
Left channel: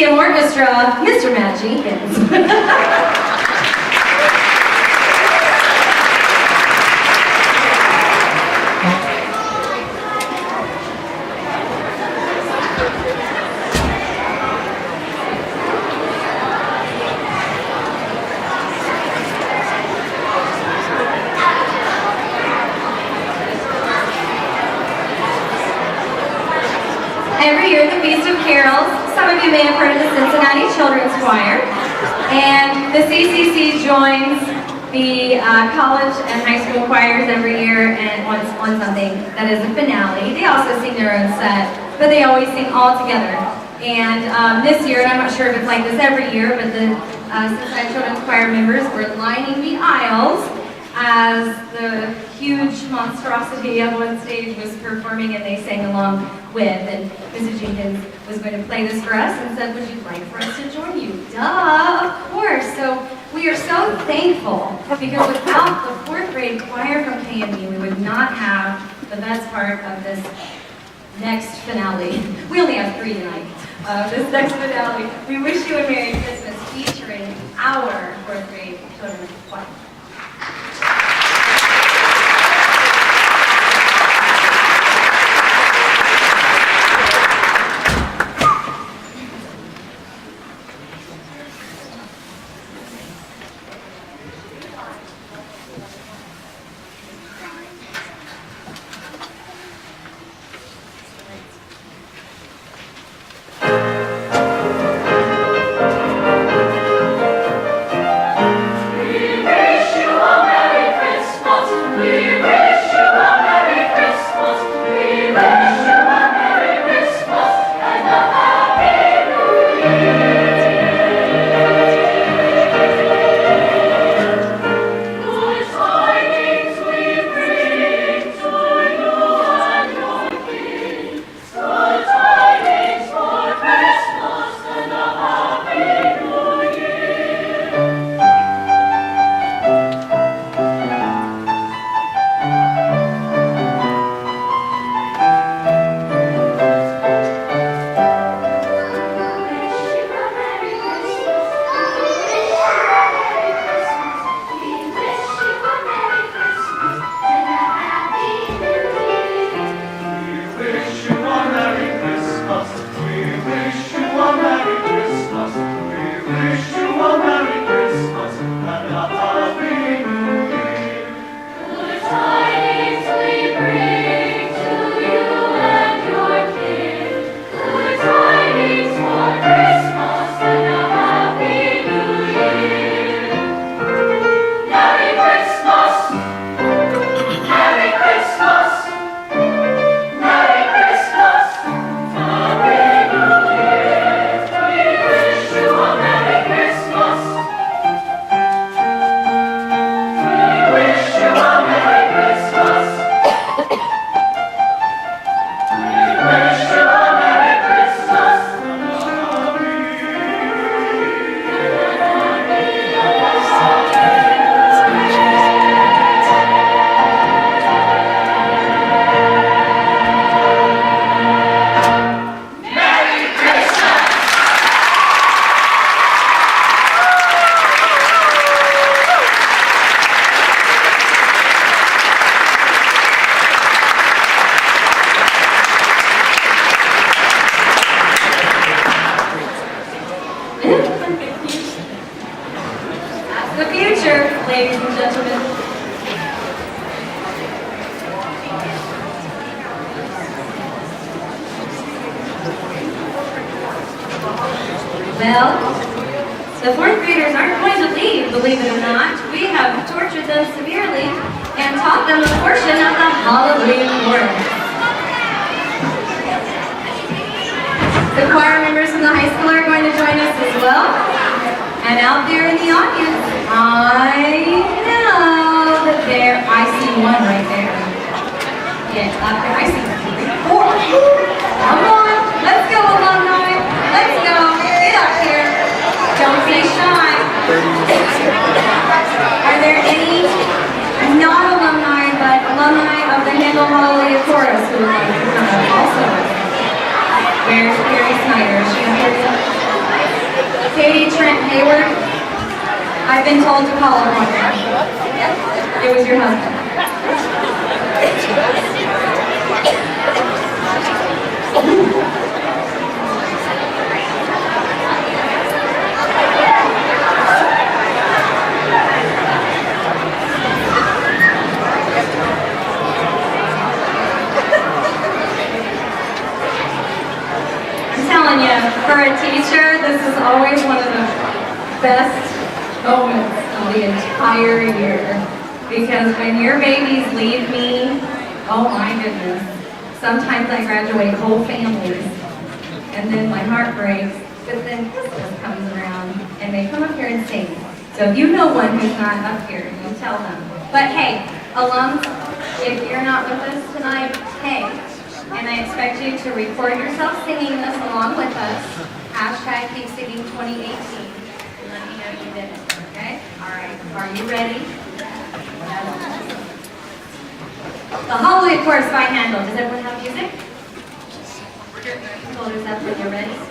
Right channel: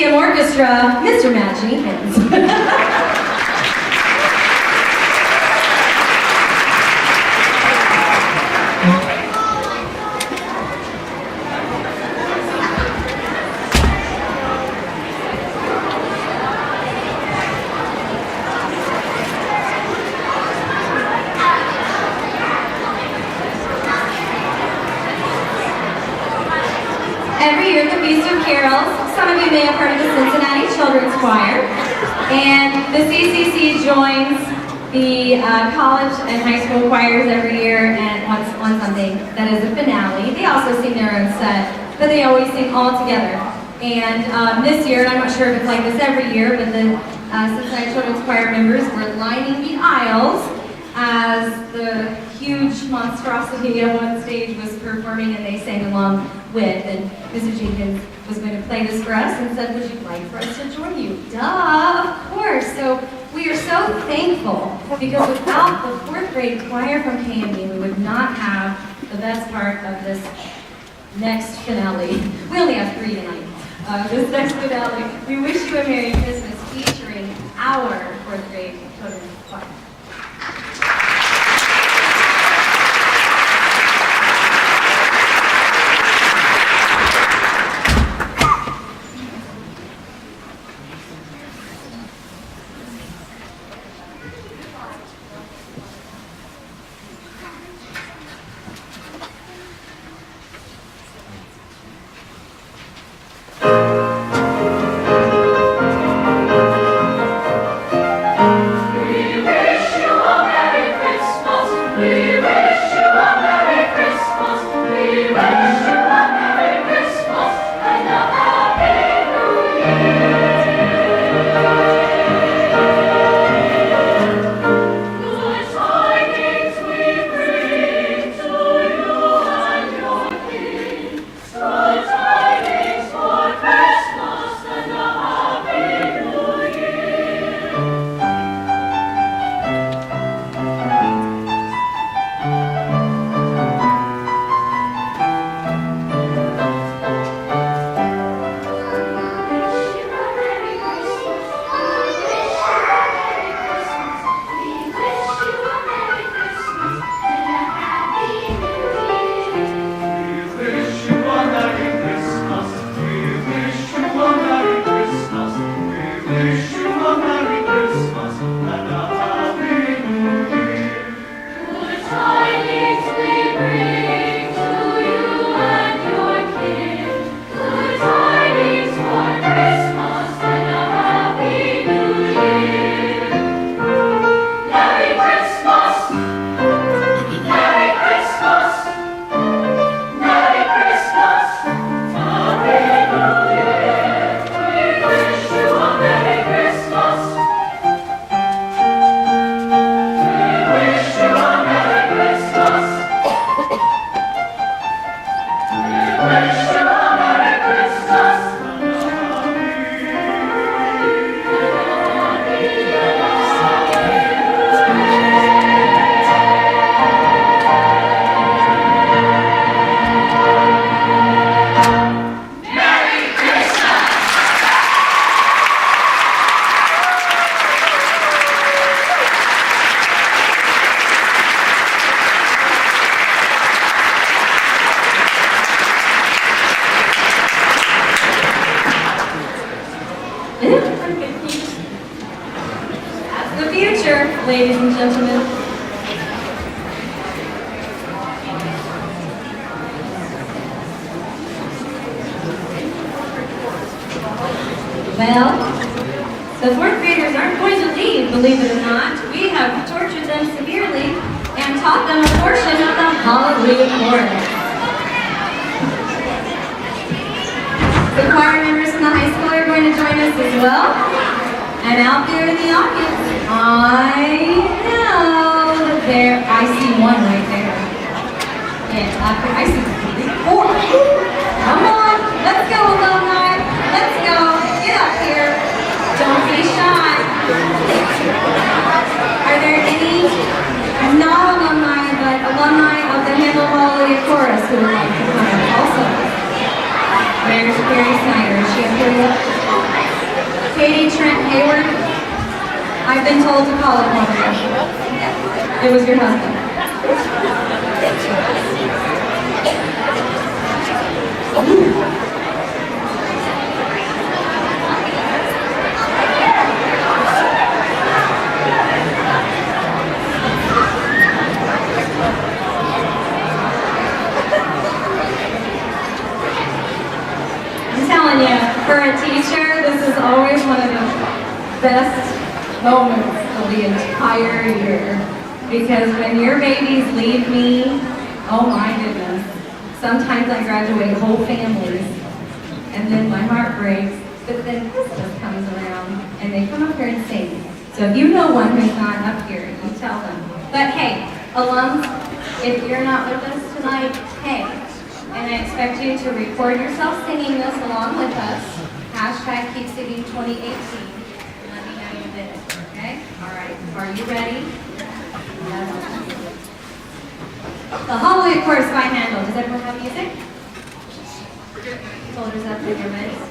Orchestra, Mr. Matt Jenkins. the Feast of Carols. Some of you may have heard of the Cincinnati Children's Choir. And the CCC joins the college and high school choirs every year and on something that is a finale. They also sing their own set, but they always sing all together. And this year, and I'm not sure if it's like this every year, but the Cincinnati Children's Choir members were lining the aisles as the huge monstrosity of one stage was performing, and they sang along with. And Mrs. Jenkins was going to play this for us and said, would you like for us to join you? Duh, of course. So we are so thankful, because without the fourth grade choir from KMU, we would not have the best part of this next finale. We only have 3 tonight. This next finale. We wish you a Merry Christmas, featuring our fourth grade children's choir. The future, ladies and gentlemen. Well, the fourth graders aren't going to leave, believe it or not. We have tortured them severely and taught them a portion of the Hallelujah chorus. The choir members from the high school are going to join us as well. And out there in the audience, I know that I see one right there. Yeah, out there, I see 4. Come on, let's go alumni. Let's go, get up here. Don't be shy. Are there any, not alumni, but alumni of the Handel Hallelujah Chorus who would like to come up also? Where's Carrie Snyder? Is she up here yet? Katie Trent Hayward, I've been told to call upon her. It was your husband. for a teacher, this is always one of the best moments of the entire year. Because when your babies leave me, oh my goodness, sometimes I graduate whole families, and then my heart breaks, but then Christmas comes around, and they come up here and sing. So if you know one who's not up here, you tell them. But hey, alums, if you're not with us tonight, hey, and I expect you to record yourself singing this along with us. Hashtag Keep Singing 2018. Let me know you did it, okay? All right, are you ready? The Holiday Chorus by Handel. Does everyone have music? Shoulders up when you're ready.